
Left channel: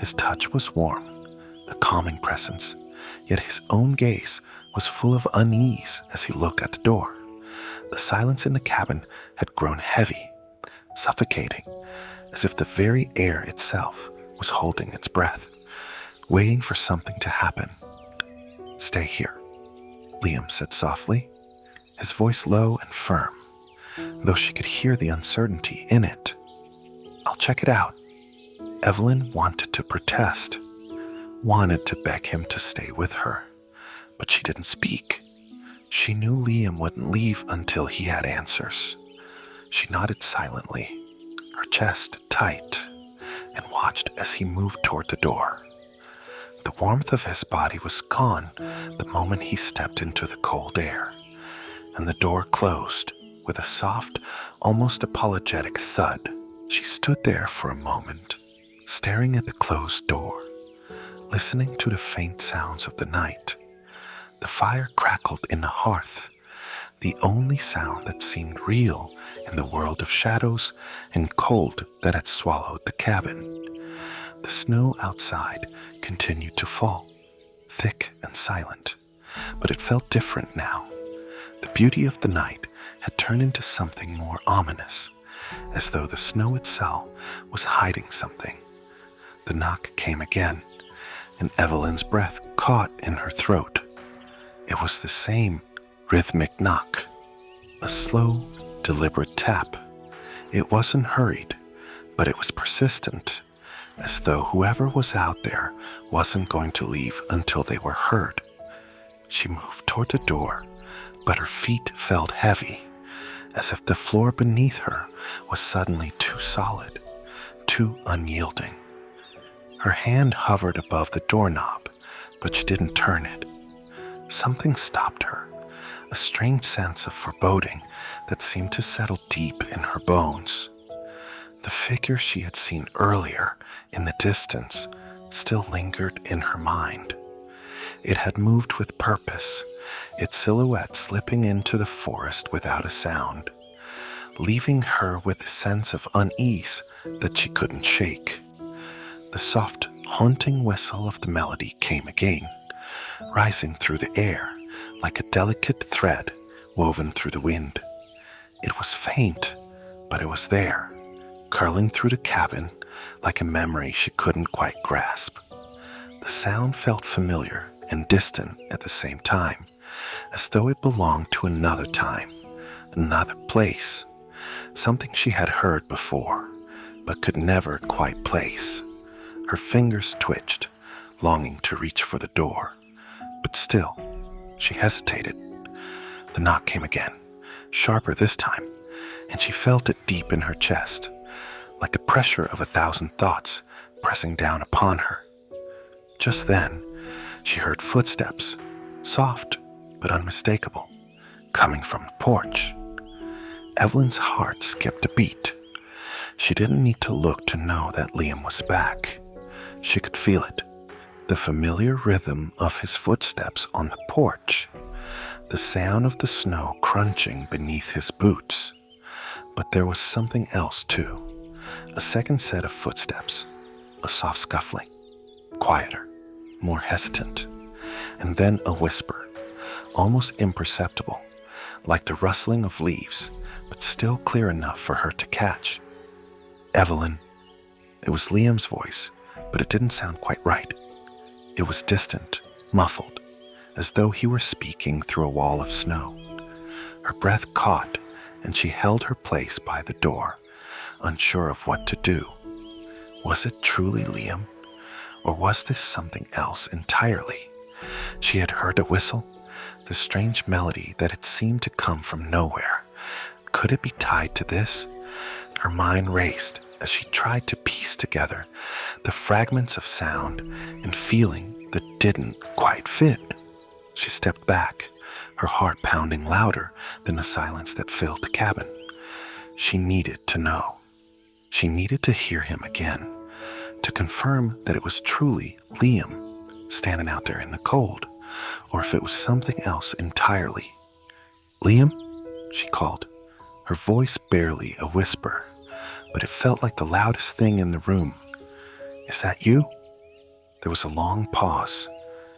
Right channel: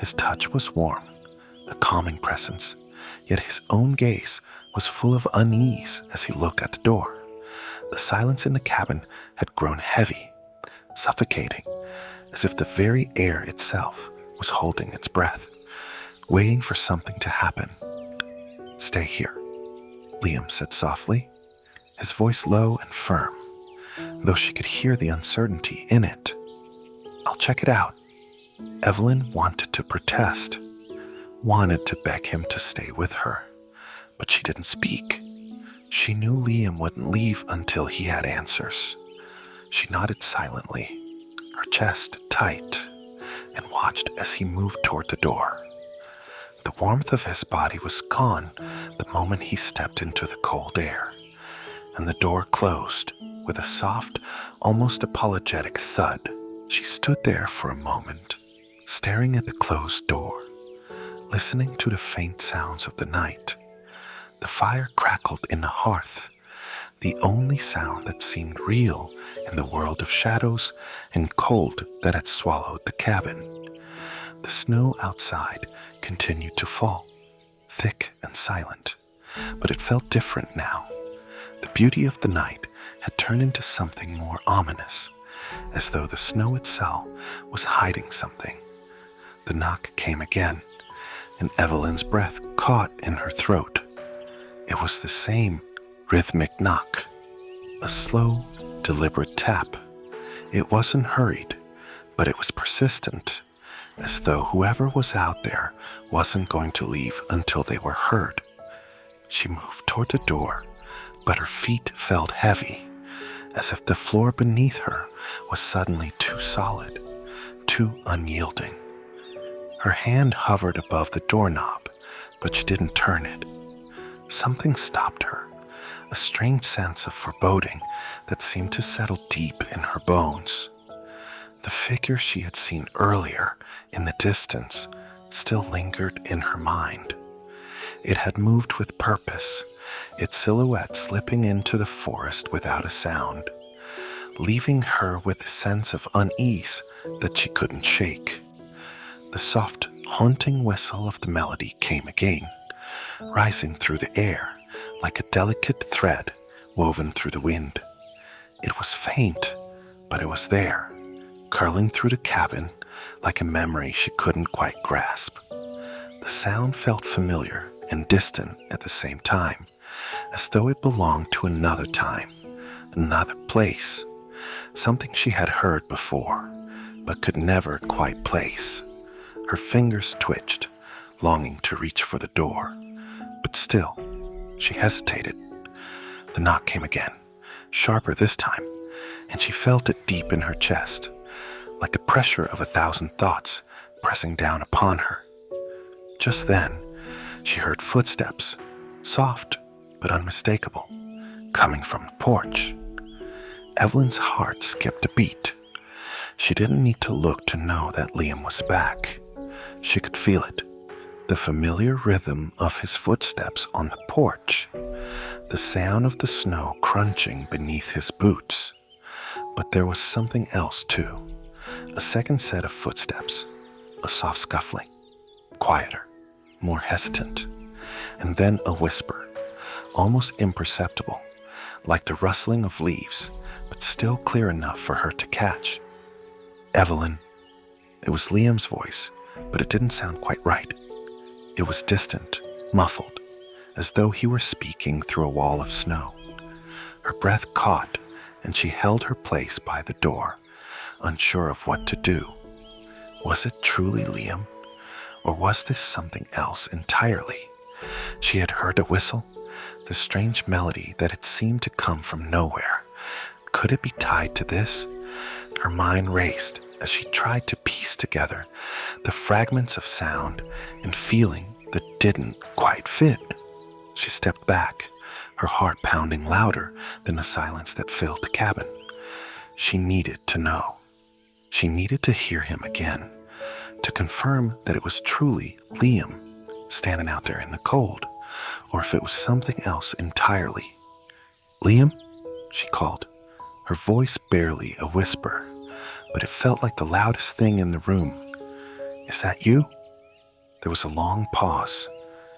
His touch was warm, a calming presence, yet his own gaze was full of unease as he looked at the door. The silence in the cabin had grown heavy, suffocating, as if the very air itself was holding its breath, waiting for something to happen. "Stay here," Liam said softly, his voice low and firm, though she could hear the uncertainty in it. "I'll check it out." Evelyn wanted to protest, wanted to beg him to stay with her, but she didn't speak. She knew Liam wouldn't leave until he had answers. She nodded silently, her chest tight, and watched as he moved toward the door. The warmth of his body was gone the moment he stepped into the cold air, and the door closed with a soft, almost apologetic thud. She stood there for a moment, staring at the closed door, listening to the faint sounds of the night. The fire crackled in the hearth, the only sound that seemed real in the world of shadows and cold that had swallowed the cabin. The snow outside continued to fall, thick and silent, but it felt different now. The beauty of the night had turned into something more ominous, as though the snow itself was hiding something. The knock came again, and Evelyn's breath caught in her throat. It was the same rhythmic knock, a slow, deliberate tap. It wasn't hurried, but it was persistent, as though whoever was out there wasn't going to leave until they were heard. She moved toward the door, but her feet felt heavy, as if the floor beneath her was suddenly too solid, too unyielding. Her hand hovered above the doorknob, but she didn't turn it. Something stopped her, a strange sense of foreboding that seemed to settle deep in her bones. The figure she had seen earlier in the distance still lingered in her mind. It had moved with purpose, its silhouette slipping into the forest without a sound, leaving her with a sense of unease that she couldn't shake. The soft, haunting whistle of the melody came again, rising through the air like a delicate thread woven through the wind. It was faint, but it was there, curling through the cabin like a memory she couldn't quite grasp. The sound felt familiar and distant at the same time, as though it belonged to another time, another place, something she had heard before, but could never quite place. Her fingers twitched, longing to reach for the door, but still, she hesitated. The knock came again, sharper this time, and she felt it deep in her chest, like the pressure of 1,000 thoughts pressing down upon her. Just then, she heard footsteps, soft but unmistakable, coming from the porch. Evelyn's heart skipped a beat. She didn't need to look to know that Liam was back. She could feel it, the familiar rhythm of his footsteps on the porch, the sound of the snow crunching beneath his boots. But there was something else too, a second set of footsteps, a soft scuffling, quieter, more hesitant, and then a whisper, almost imperceptible, like the rustling of leaves, but still clear enough for her to catch. "Evelyn." It was Liam's voice, but it didn't sound quite right. It was distant, muffled, as though he were speaking through a wall of snow. Her breath caught, and she held her place by the door, unsure of what to do. Was it truly Liam, or was this something else entirely? She had heard a whistle, the strange melody that had seemed to come from nowhere. Could it be tied to this? Her mind raced as she tried to piece together the fragments of sound and feeling that didn't quite fit. She stepped back, her heart pounding louder than the silence that filled the cabin. She needed to know. She needed to hear him again, to confirm that it was truly Liam standing out there in the cold, or if it was something else entirely. "Liam?" she called, her voice barely a whisper, but it felt like the loudest thing in the room. "Is that you?" There was a long pause,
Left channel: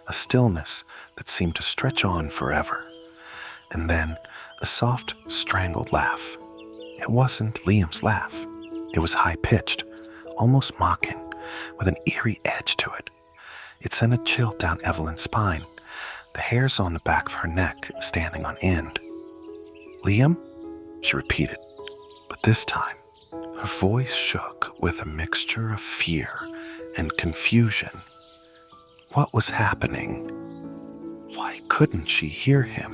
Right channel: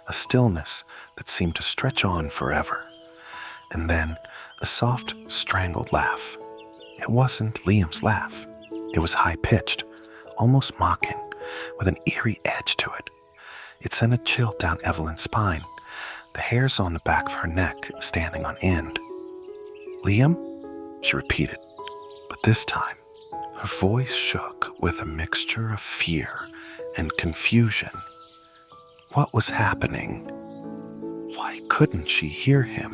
a stillness that seemed to stretch on forever, and then a soft, strangled laugh. It wasn't Liam's laugh. It was high-pitched, almost mocking, with an eerie edge to it. It sent a chill down Evelyn's spine, the hairs on the back of her neck standing on end. "Liam?" she repeated, but this time her voice shook with a mixture of fear and confusion. What was happening? Why couldn't she hear him?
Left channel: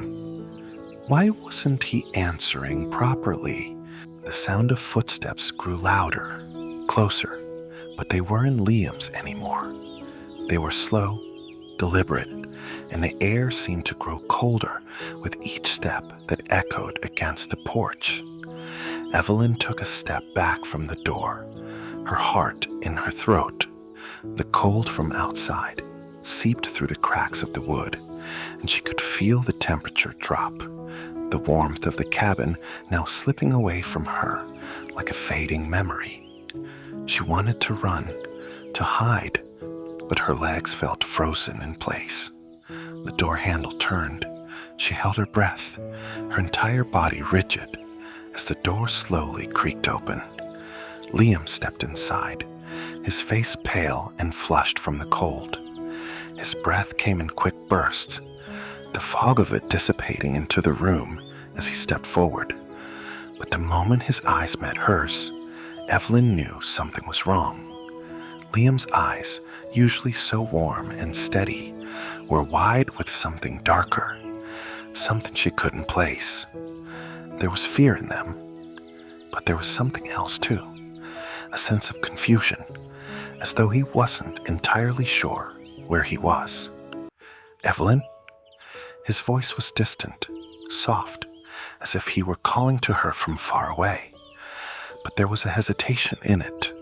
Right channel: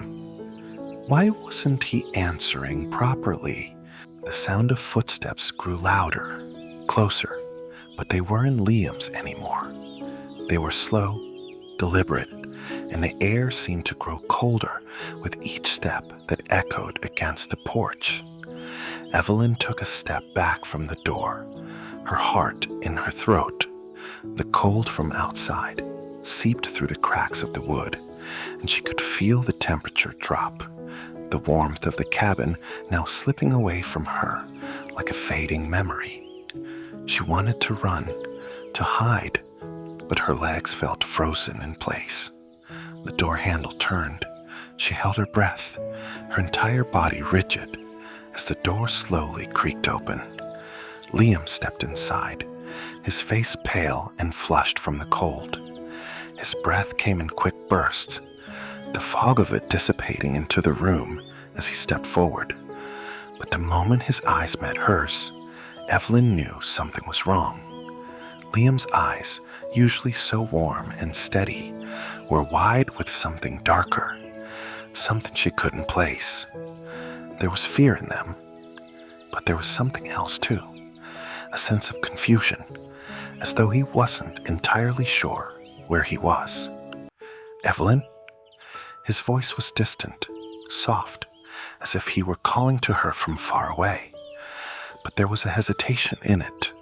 Why wasn't he answering properly? The sound of footsteps grew louder, closer, but they weren't Liam's anymore. They were slow, deliberate, and the air seemed to grow colder with each step that echoed against the porch. Evelyn took a step back from the door, her heart in her throat. The cold from outside seeped through the cracks of the wood, and she could feel the temperature drop, the warmth of the cabin now slipping away from her like a fading memory. She wanted to run, to hide, but her legs felt frozen in place. The door handle turned. She held her breath, her entire body rigid, as the door slowly creaked open. Liam stepped inside, his face pale and flushed from the cold. His breath came in quick bursts, the fog of it dissipating into the room as he stepped forward. But the moment his eyes met hers, Evelyn knew something was wrong. Liam's eyes, usually so warm and steady, were wide with something darker, something she couldn't place. There was fear in them, but there was something else too, a sense of confusion, as though he wasn't entirely sure where he was. "Evelyn?" His voice was distant, soft, as if he were calling to her from far away. But there was a hesitation in it,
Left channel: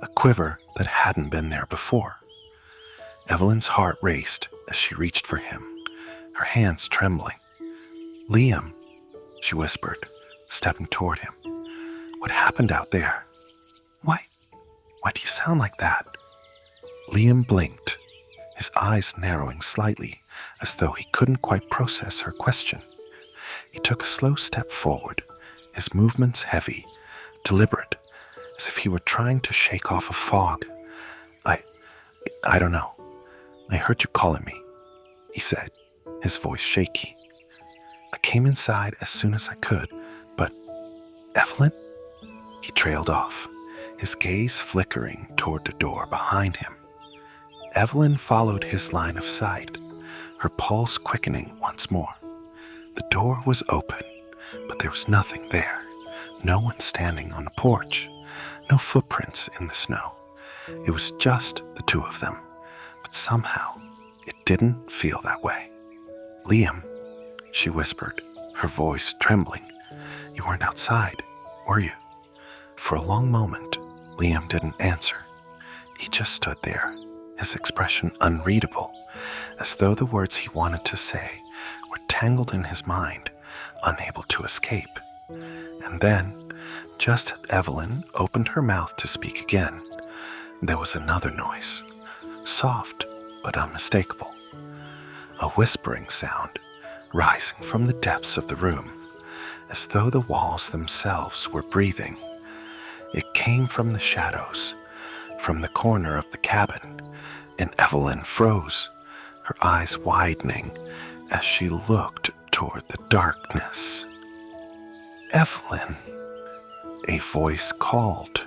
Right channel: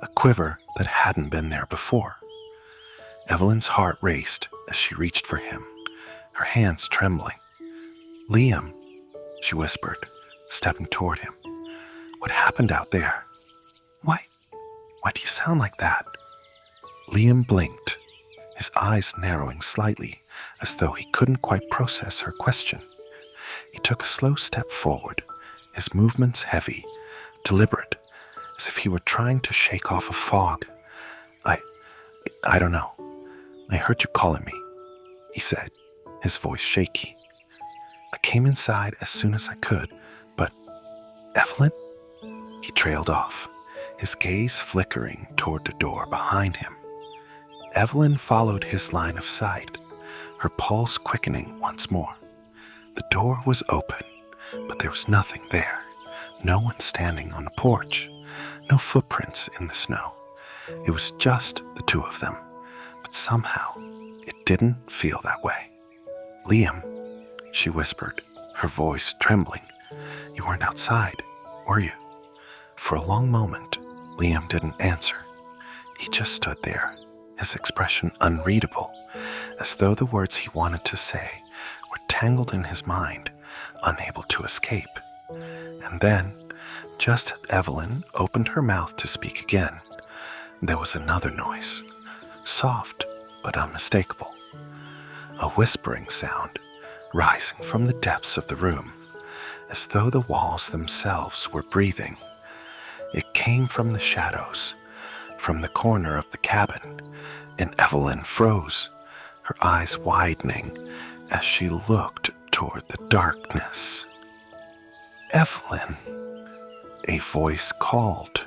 a quiver that hadn't been there before. Evelyn's heart raced as she reached for him, her hands trembling. "Liam," she whispered, stepping toward him. "What happened out there? Why do you sound like that?" Liam blinked, his eyes narrowing slightly, as though he couldn't quite process her question. He took a slow step forward, his movements heavy, deliberate, as if he were trying to shake off a fog. I don't know. I heard you calling me," he said, his voice shaky. "I came inside as soon as I could, but Evelyn?" He trailed off, his gaze flickering toward the door behind him. Evelyn followed his line of sight, her pulse quickening once more. The door was open, but there was nothing there. No one standing on the porch, no footprints in the snow. It was just the two of them, but somehow it didn't feel that way. "Liam," she whispered, her voice trembling. "You weren't outside, were you?" For a long moment, Liam didn't answer. He just stood there, his expression unreadable, as though the words he wanted to say were tangled in his mind, unable to escape. And then, just as Evelyn opened her mouth to speak again, there was another noise, soft but unmistakable. A whispering sound, rising from the depths of the room, as though the walls themselves were breathing. It came from the shadows, from the corner of the cabin, and Evelyn froze, her eyes widening as she looked toward the darkness. "Evelyn," a voice called,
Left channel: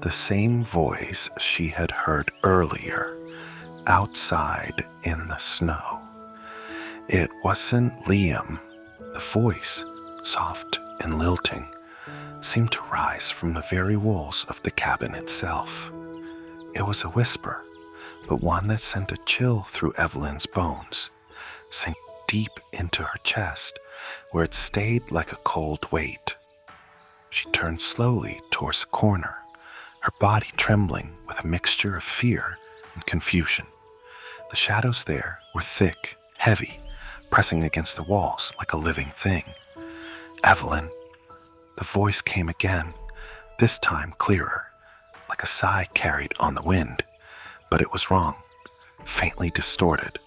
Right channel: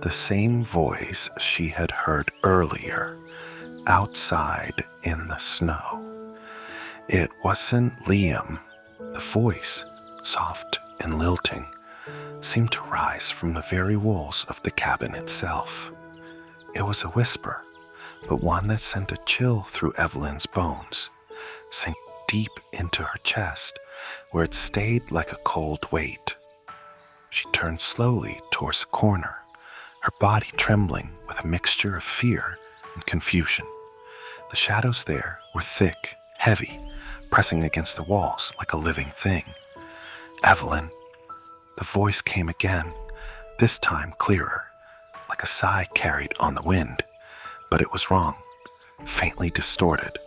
the same voice she had heard earlier, outside in the snow. It wasn't Liam. The voice, soft and lilting, seemed to rise from the very walls of the cabin itself. It was a whisper, but one that sent a chill through Evelyn's bones, sank deep into her chest, where it stayed like a cold weight. She turned slowly towards the corner, her body trembling with a mixture of fear and confusion. The shadows there were thick, heavy, pressing against the walls like a living thing. "Evelyn." The voice came again, this time clearer, like a sigh carried on the wind. But it was wrong, faintly distorted,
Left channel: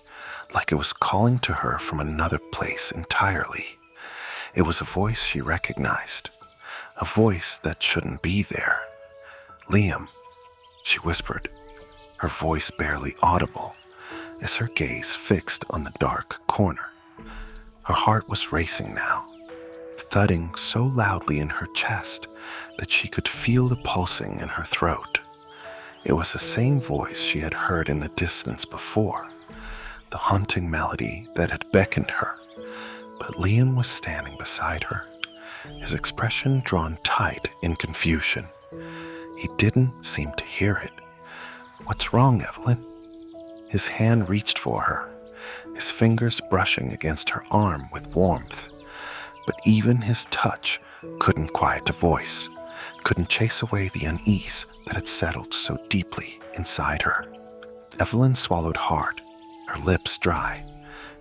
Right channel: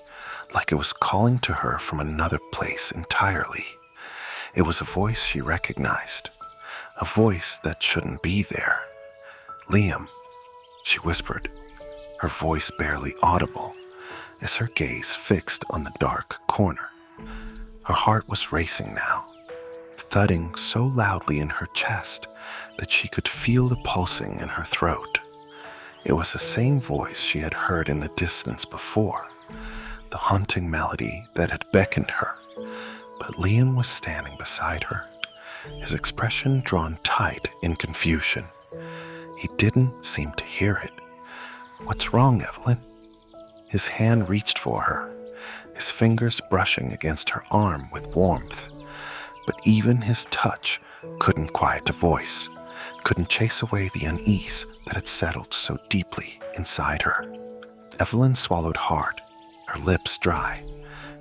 like it was calling to her from another place entirely. It was a voice she recognized, a voice that shouldn't be there. "Liam," she whispered, her voice barely audible, as her gaze fixed on the dark corner. Her heart was racing now, thudding so loudly in her chest that she could feel the pulsing in her throat. It was the same voice she had heard in the distance before, the haunting melody that had beckoned her. But Liam was standing beside her, his expression drawn tight in confusion. He didn't seem to hear it. "What's wrong, Evelyn?" His hand reached for her, his fingers brushing against her arm with warmth. But even his touch couldn't quiet the voice, couldn't chase away the unease that had settled so deeply inside her. Evelyn swallowed hard, her lips dry.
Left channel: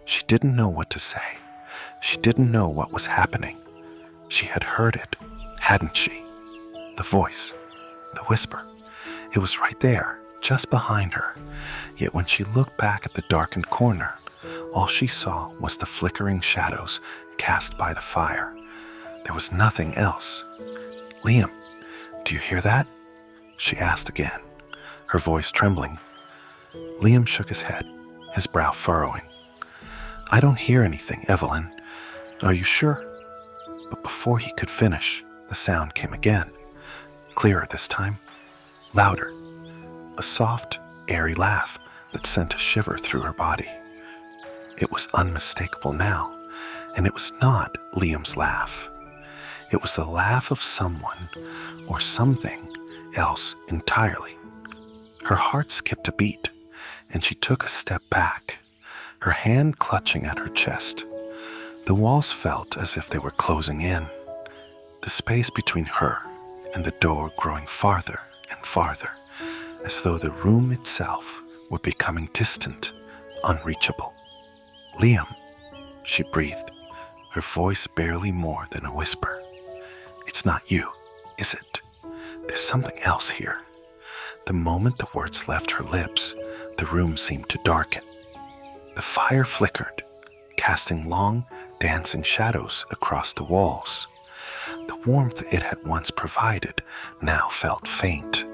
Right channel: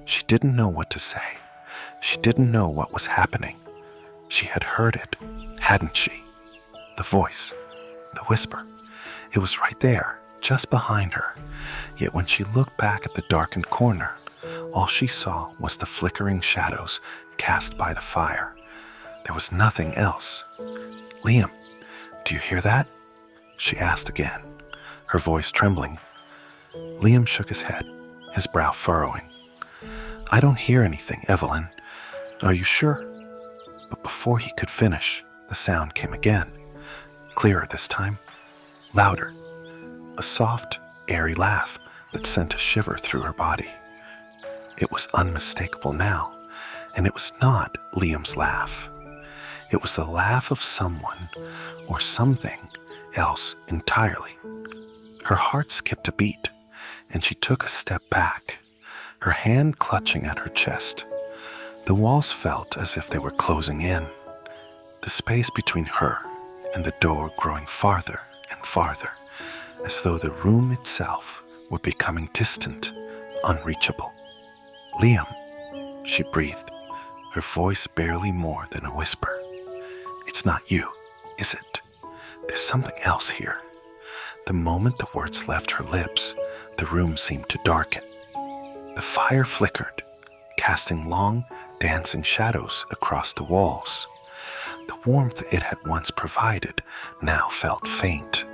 She didn't know what to say. She didn't know what was happening. She had heard it, hadn't she? The voice, the whisper. It was right there, just behind her. Yet when she looked back at the darkened corner, all she saw was the flickering shadows cast by the fire. There was nothing else. "Liam, do you hear that?" she asked again, her voice trembling. Liam shook his head, his brow furrowing. "I don't hear anything, Evelyn. Are you sure?" But before he could finish, the sound came again, clearer this time, louder, a soft, airy laugh that sent a shiver through her body. It was unmistakable now, and it was not Liam's laugh. It was the laugh of someone or something else entirely. Her heart skipped a beat, and she took a step back, her hand clutching at her chest. The walls felt as if they were closing in, the space between her and the door growing farther and farther, as though the room itself were becoming distant, unreachable. "Liam," she breathed, her voice barely more than a whisper. "It's not you, is it? There's something else here." The moment the words left her lips, the room seemed to darken. The fire flickered, casting long, dancing shadows across the walls. The warmth it had once provided now felt faint,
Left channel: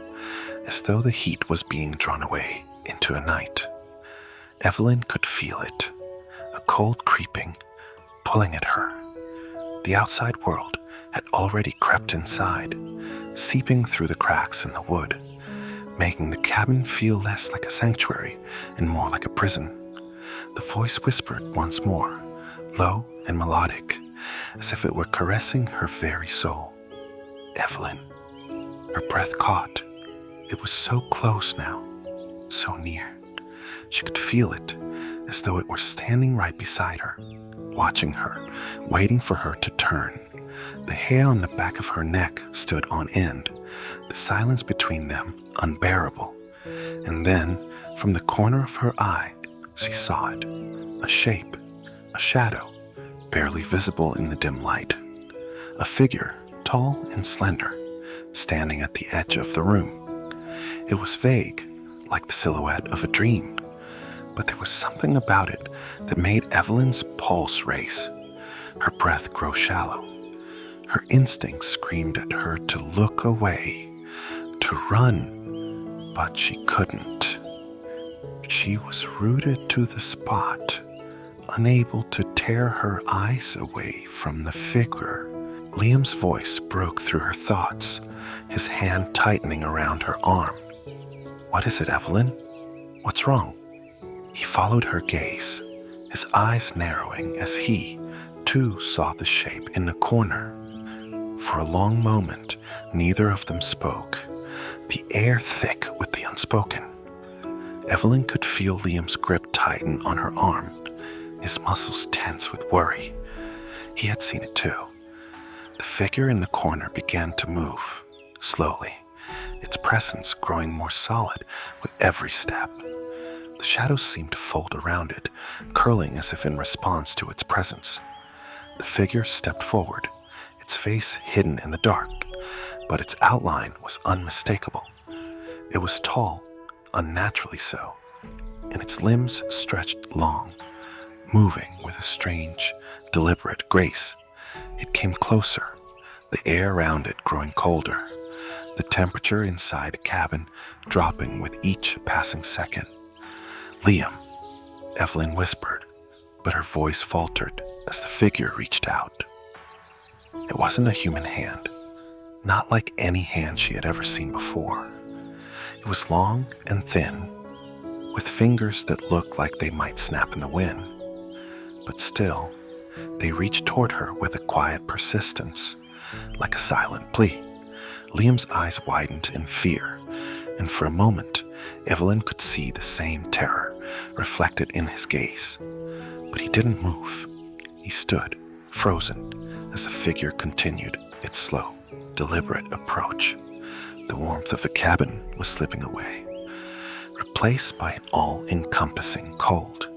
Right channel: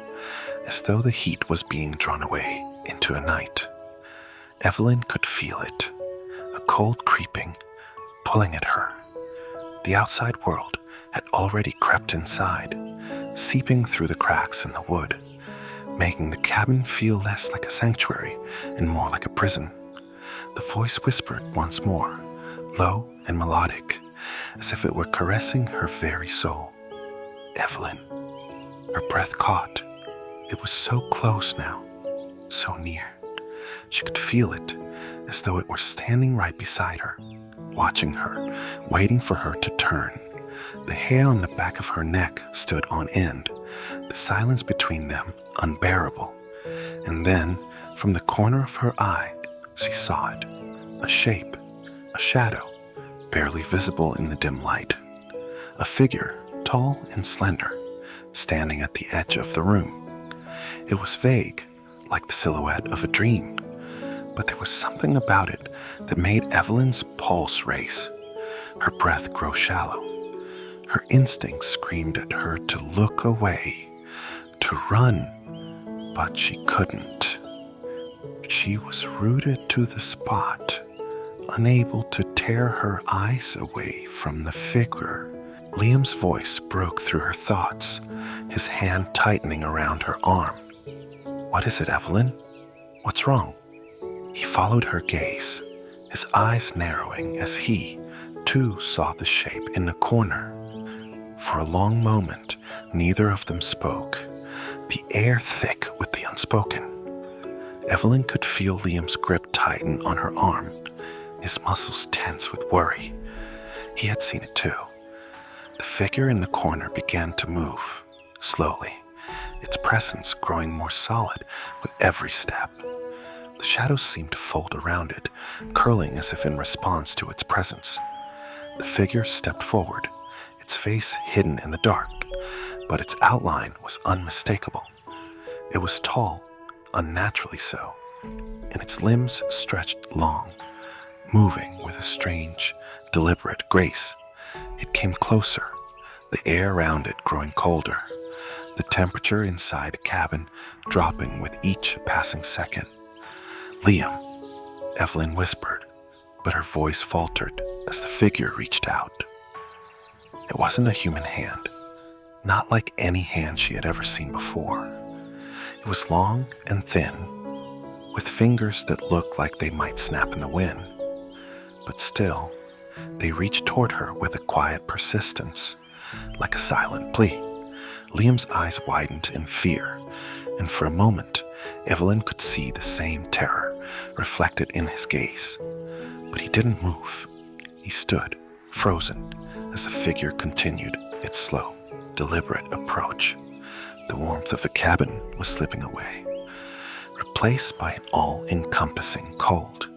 as though the heat was being drawn away into a night. Evelyn could feel it, a cold creeping, pulling at her. The outside world had already crept inside, seeping through the cracks in the wood, making the cabin feel less like a sanctuary and more like a prison. The voice whispered once more, low and melodic, as if it were caressing her very soul. "Evelyn." Her breath caught. It was so close now, so near. She could feel it, as though it were standing right beside her, watching her, waiting for her to turn. The hair on the back of her neck stood on end, the silence between them unbearable. And then, from the corner of her eye, she saw it, a shape, a shadow, barely visible in the dim light. A figure, tall and slender, standing at the edge of the room. It was vague, like the silhouette of a dream, but there was something about it that made Evelyn's pulse race, her breath grow shallow. Her instincts screamed at her to look away, to run, but she couldn't. She was rooted to the spot, unable to tear her eyes away from the figure. Liam's voice broke through her thoughts, his hand tightening around her arm. "What is it, Evelyn? What's wrong?" He followed her gaze, his eyes narrowing as he, too, saw the shape in the corner. For a long moment, neither of them spoke, the air thick with the unspoken. Evelyn could feel Liam's grip tighten on her arm, his muscles tense with worry. He had seen it too. The figure in the corner began to move, slowly, its presence growing more solid with every step. The shadows seemed to fold around it, curling as if in response to its presence. The figure stepped forward, its face hidden in the dark, but its outline was unmistakable. It was tall, unnaturally so, and its limbs stretched long, moving with a strange, deliberate grace. It came closer, the air around it growing colder, the temperature inside the cabin dropping with each passing second. "Liam," Evelyn whispered, but her voice faltered as the figure reached out. It wasn't a human hand, not like any hand she had ever seen before. It was long and thin, with fingers that looked like they might snap in the wind. But still, they reached toward her with a quiet persistence, like a silent plea. Liam's eyes widened in fear, and for a moment, Evelyn could see the same terror reflected in his gaze. But he didn't move. He stood, frozen, as the figure continued its slow, deliberate approach. The warmth of the cabin was slipping away, replaced by an all-encompassing cold.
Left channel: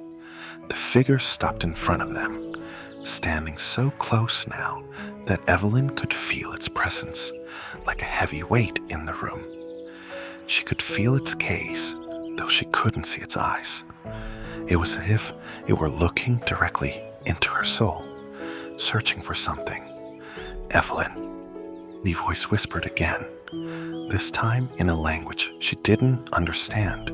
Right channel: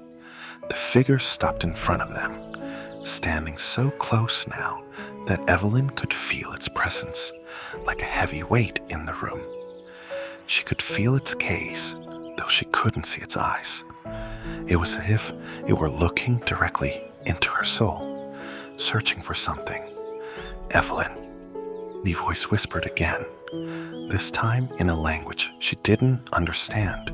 The figure stopped in front of them, standing so close now that Evelyn could feel its presence, like a heavy weight in the room. She could feel its gaze, though she couldn't see its eyes. It was as if it were looking directly into her soul, searching for something. "Evelyn," the voice whispered again, this time in a language she didn't understand,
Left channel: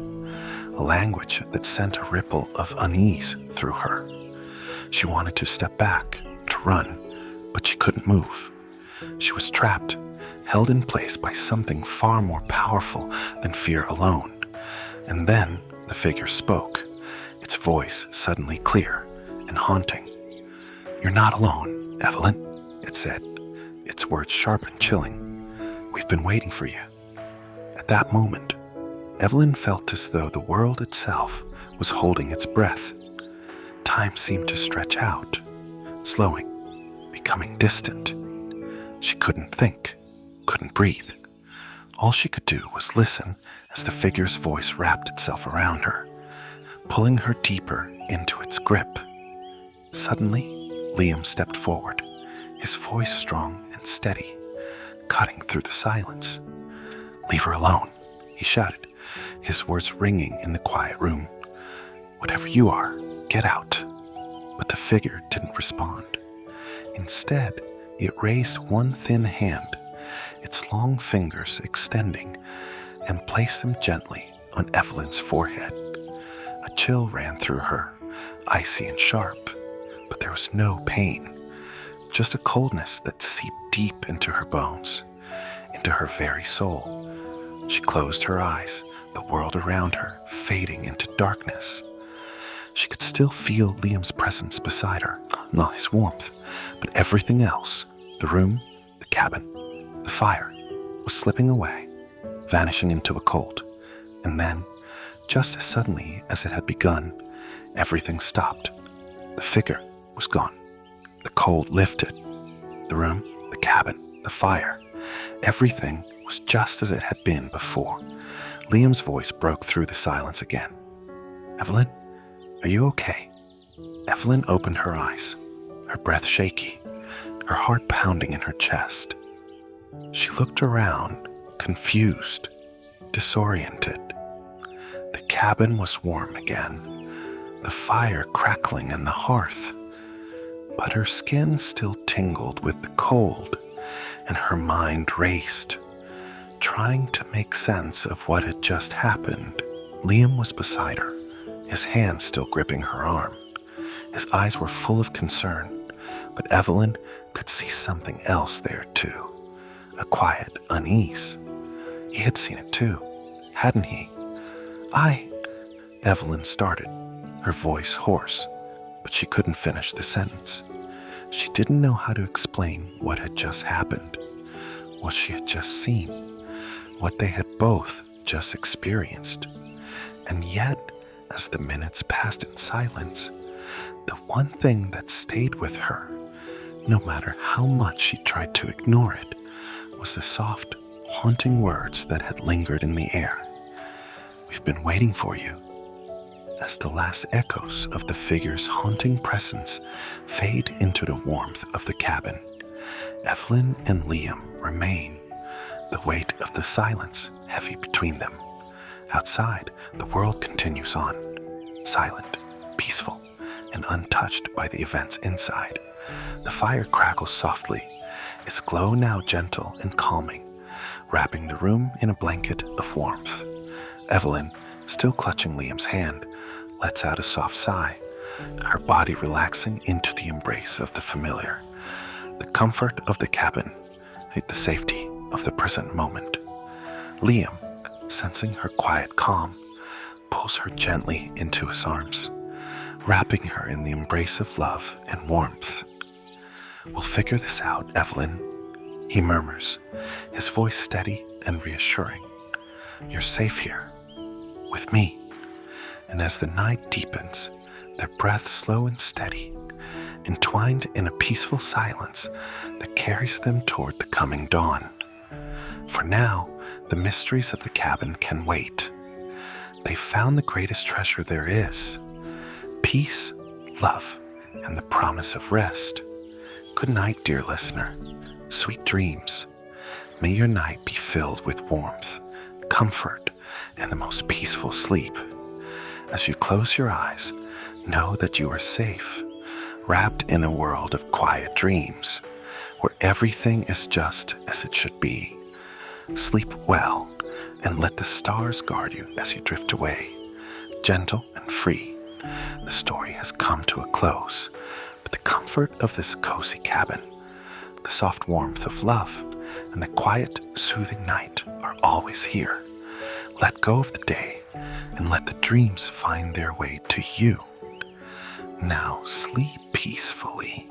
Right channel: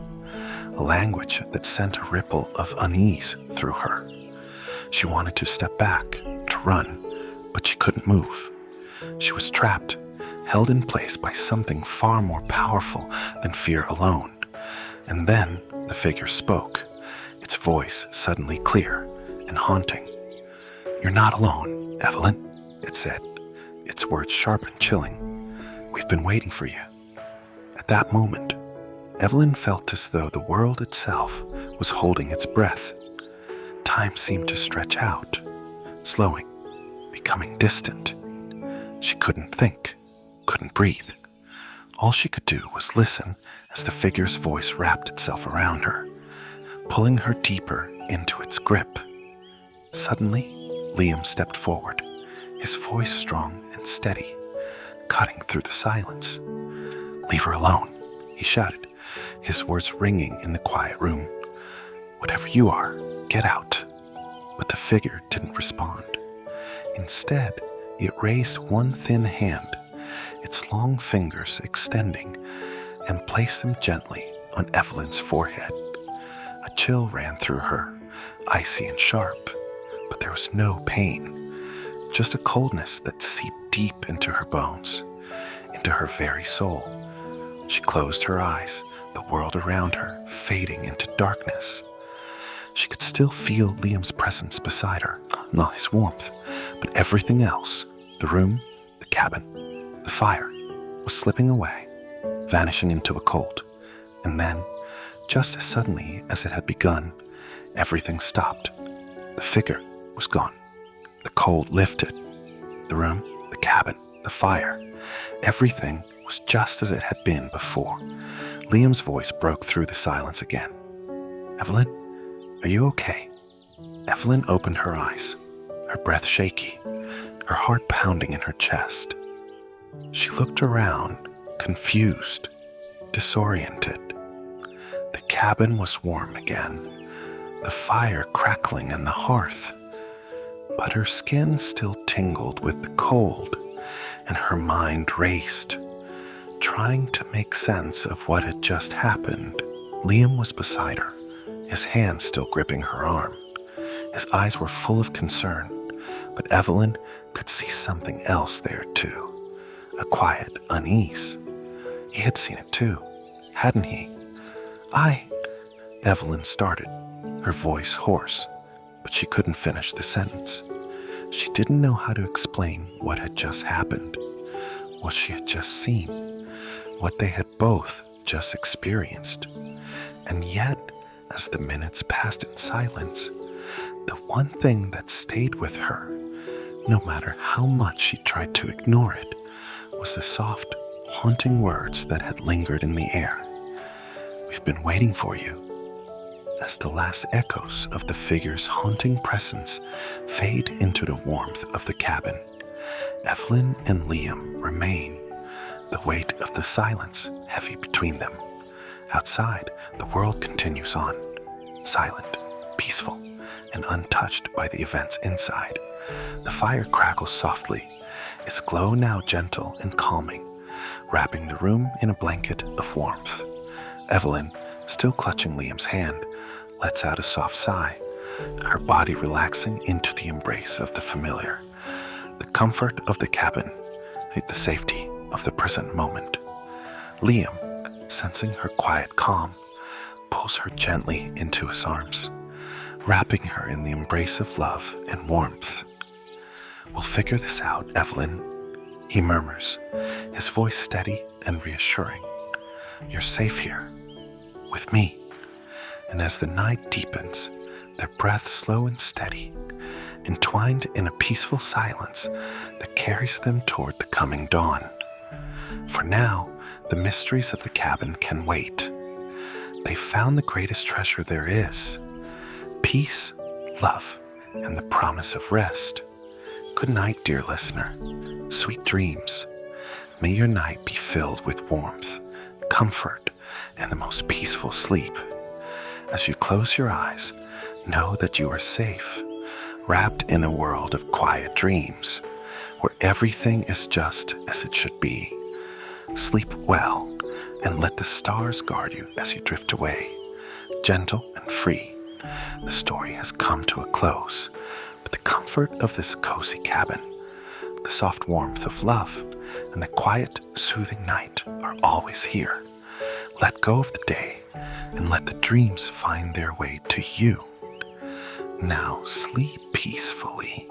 a language that sent a ripple of unease through her. She wanted to step back, to run, but she couldn't move. She was trapped, held in place by something far more powerful than fear alone. And then the figure spoke, its voice suddenly clear and haunting. "You're not alone, Evelyn," it said, its words sharp and chilling. "We've been waiting for you." At that moment, Evelyn felt as though the world itself was holding its breath. Time seemed to stretch out, slowing, becoming distant. She couldn't think, couldn't breathe. All she could do was listen as the figure's voice wrapped itself around her, pulling her deeper into its grip. Suddenly, Liam stepped forward, his voice strong and steady, cutting through the silence. "Leave her alone," he shouted, his words ringing in the quiet room. "Whatever you are, get out." But the figure didn't respond. Instead, it raised one thin hand, its long fingers extending, and placed them gently on Evelyn's forehead. A chill ran through her, icy and sharp, but there was no pain, just a coldness that seeped deep into her bones, into her very soul. She closed her eyes, the world around her fading into darkness. She could still feel Liam's presence beside her, not his warmth, but everything else, the room, the cabin, the fire, was slipping away, vanishing into a cold. And then, just as suddenly as it had begun, everything stopped. The figure was gone. The cold lifted. The room, the cabin, the fire, everything was just as it had been before. Liam's voice broke through the silence again. "Evelyn, are you okay?" Evelyn opened her eyes, her breath shaky, her heart pounding in her chest. She looked around, confused, disoriented. The cabin was warm again, the fire crackling in the hearth, but her skin still tingled with the cold, and her mind raced, trying to make sense of what had just happened. Liam was beside her, his hand still gripping her arm. His eyes were full of concern, but Evelyn could see something else there too, a quiet unease. He had seen it too, hadn't he? Evelyn started, her voice hoarse, but she couldn't finish the sentence. She didn't know how to explain what had just happened, what she had just seen, what they had both just experienced. And yet, as the minutes passed in silence, the one thing that stayed with her, no matter how much she tried to ignore it, was the soft, haunting words that had lingered in the air. "We've been waiting for you." As the last echoes of the figure's haunting presence fade into the warmth of the cabin, Evelyn and Liam remain, the weight of the silence heavy between them. Outside, the world continues on, silent, peaceful, and untouched by the events inside. The fire crackles softly, its glow now gentle and calming, wrapping the room in a blanket of warmth. Evelyn, still clutching Liam's hand, lets out a soft sigh, her body relaxing into the embrace of the familiar, the comfort of the cabin, the safety of the present moment. Liam, sensing her quiet calm, pulls her gently into his arms, wrapping her in the embrace of love and warmth. "We'll figure this out, Evelyn," he murmurs, his voice steady and reassuring. "You're safe here, with me." And as the night deepens, their breaths slow and steady, entwined in a peaceful silence that carries them toward the coming dawn. For now, the mysteries of the cabin can wait. They've found the greatest treasure there is: peace, love, and the promise of rest. Good night, dear listener. Sweet dreams. May your night be filled with warmth, comfort, and the most peaceful sleep. As you close your eyes, know that you are safe, wrapped in a world of quiet dreams, where everything is just as it should be. Sleep well, and let the stars guard you as you drift away, gentle and free. The story has come to a close, but the comfort of this cozy cabin, the soft warmth of love, and the quiet, soothing night are always here. Let go of the day, and let the dreams find their way to you. Now sleep peacefully.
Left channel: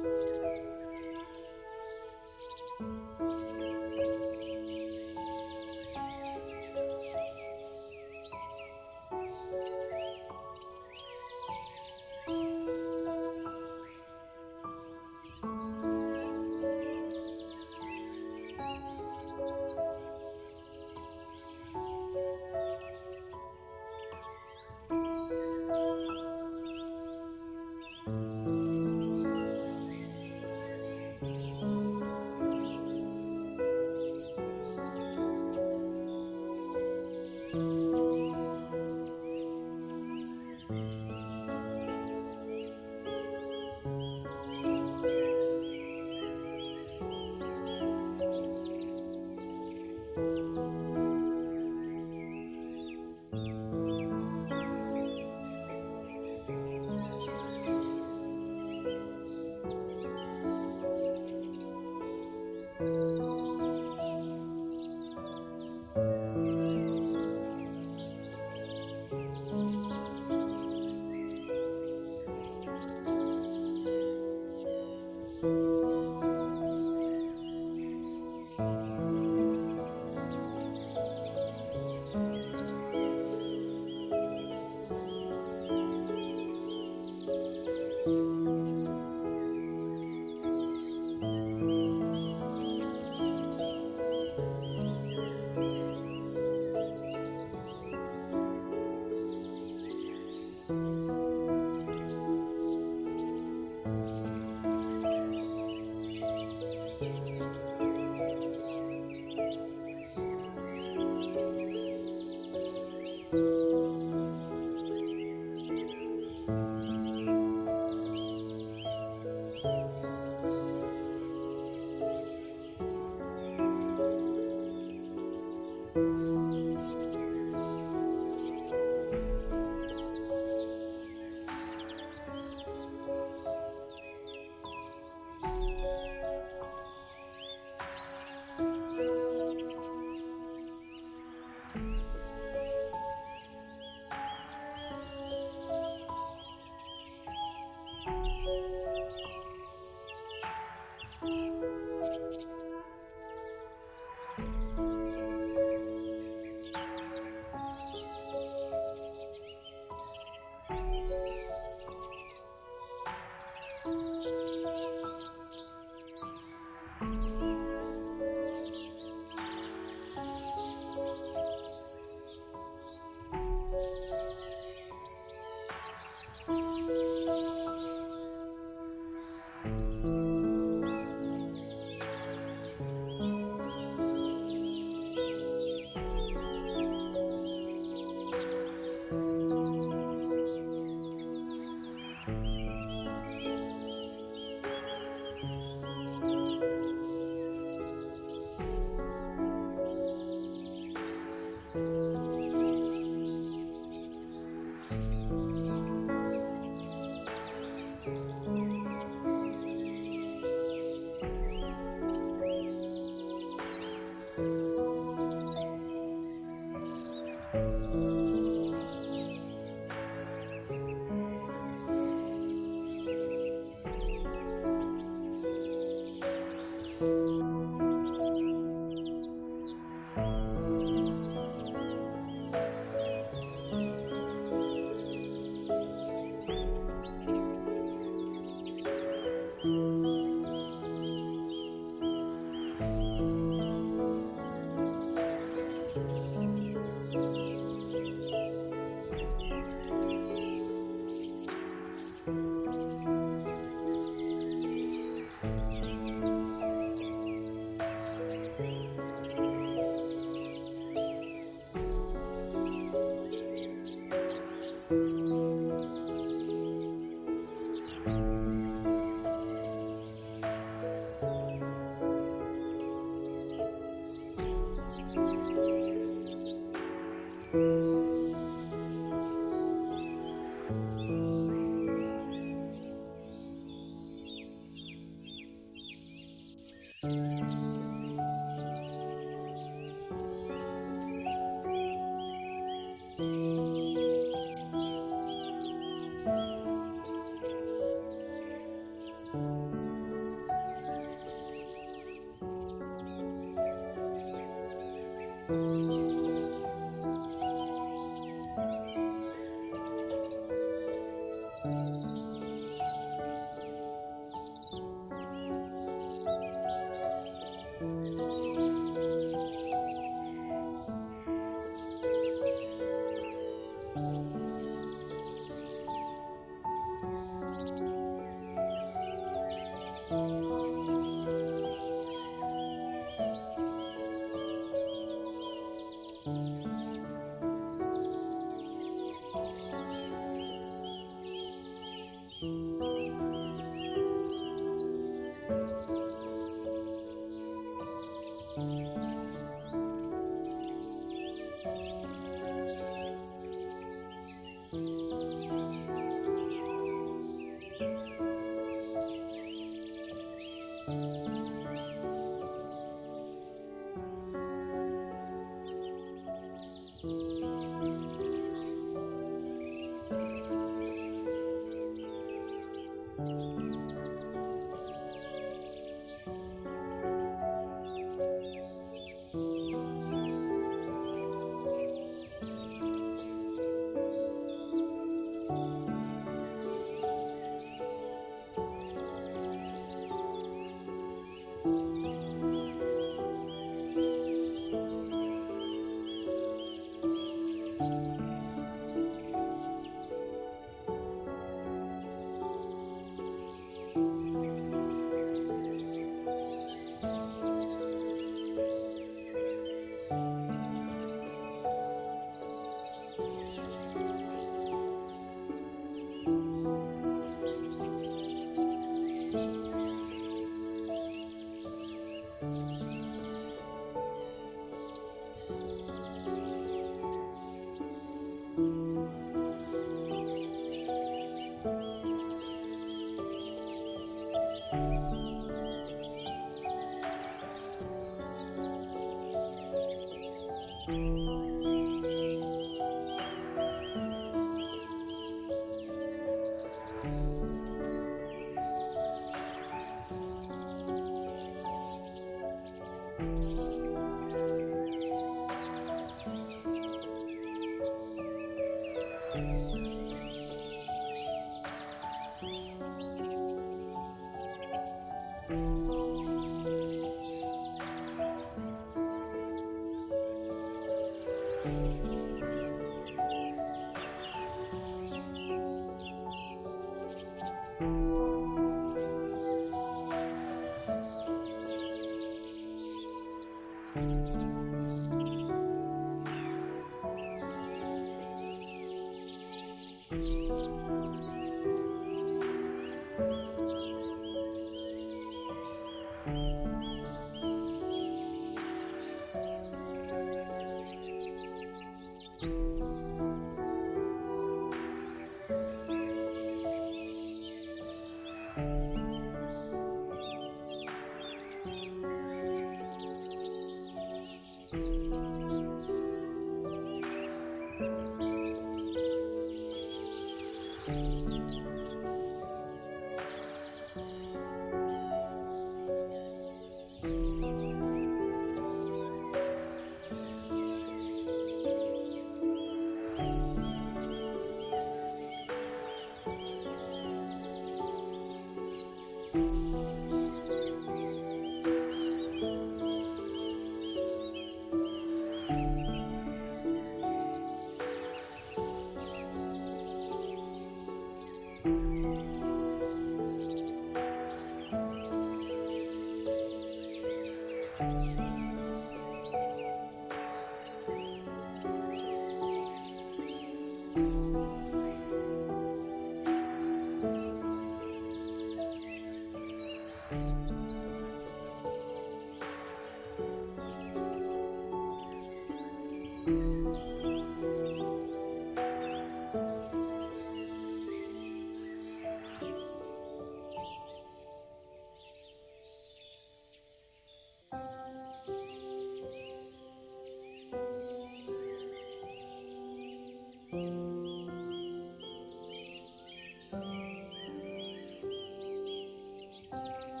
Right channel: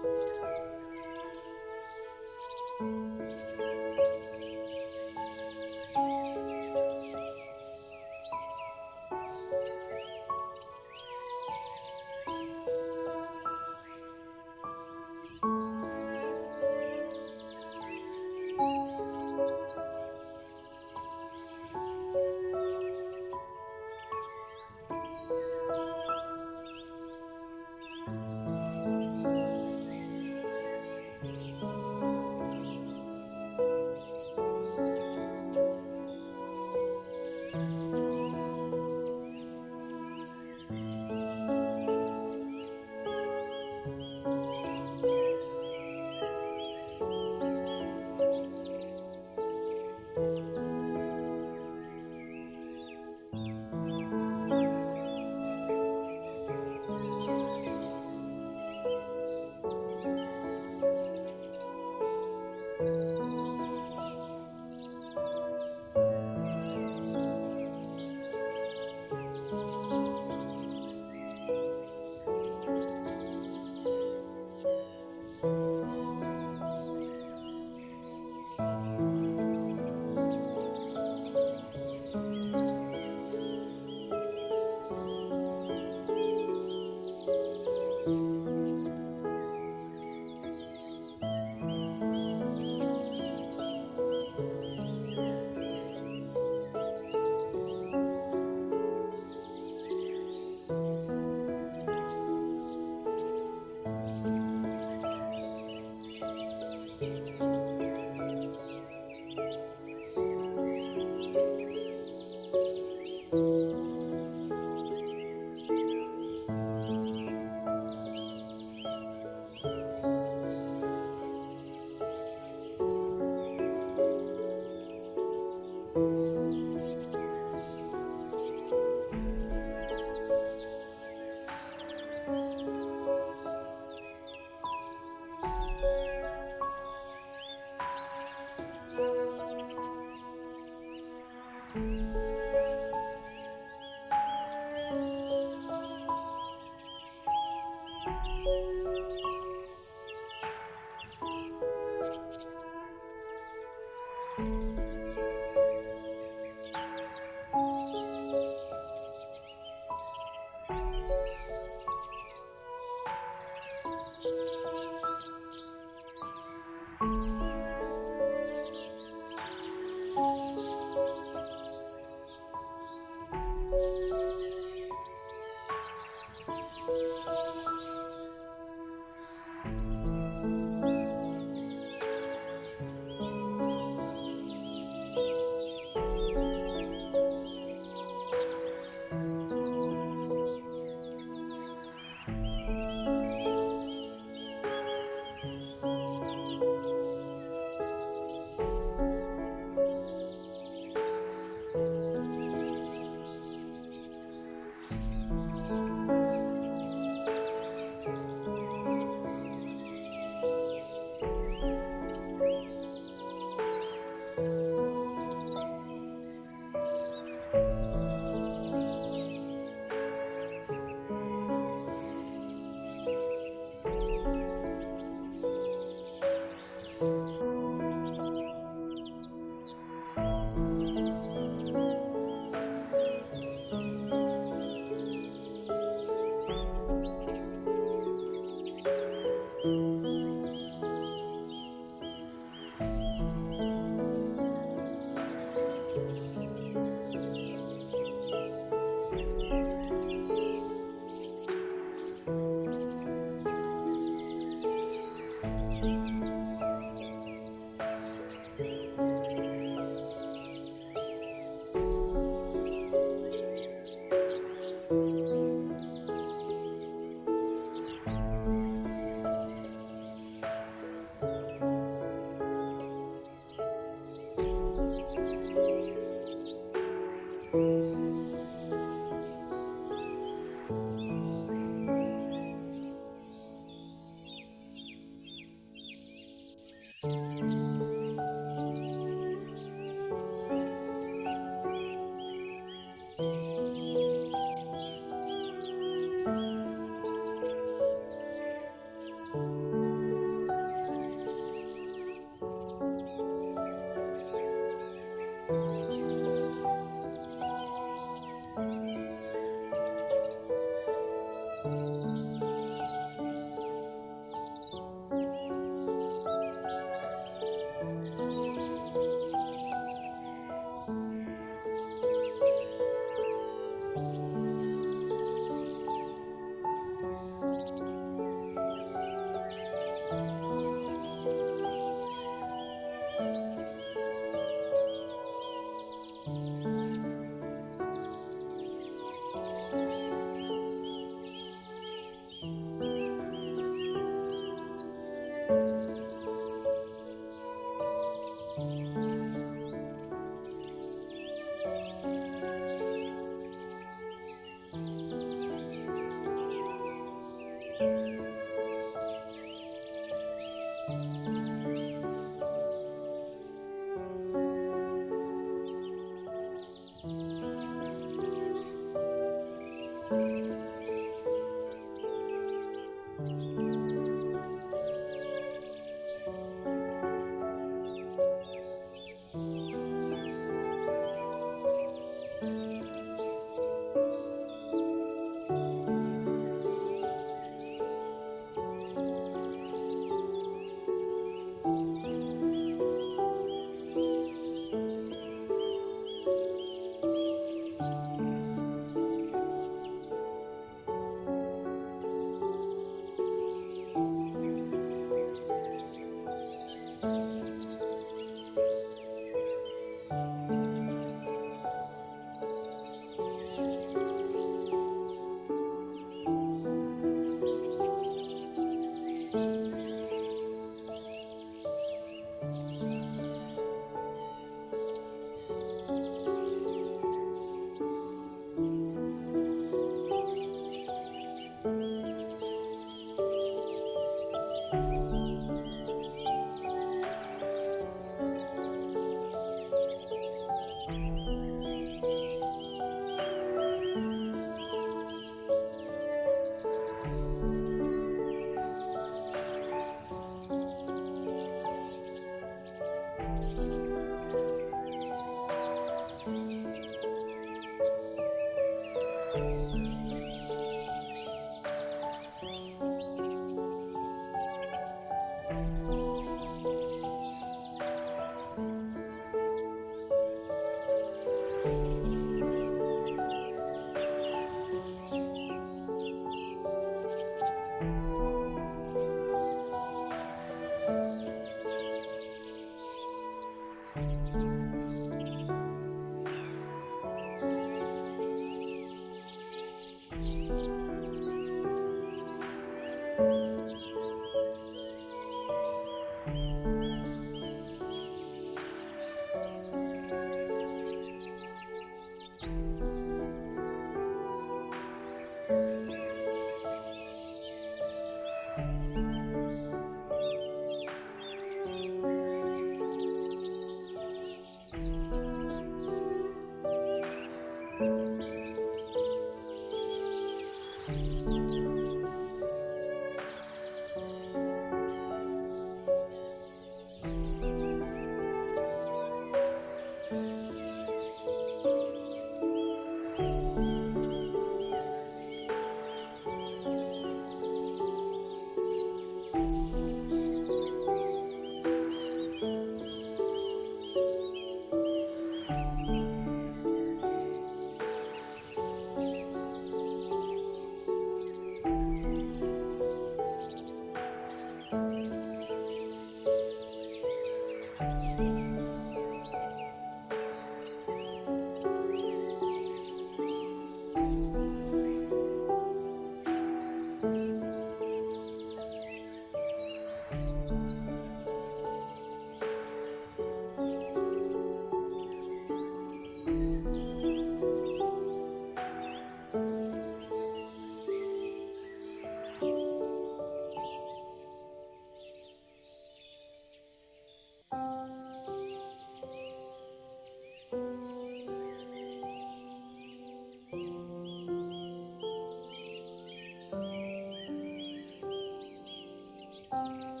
you.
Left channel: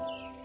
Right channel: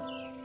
you.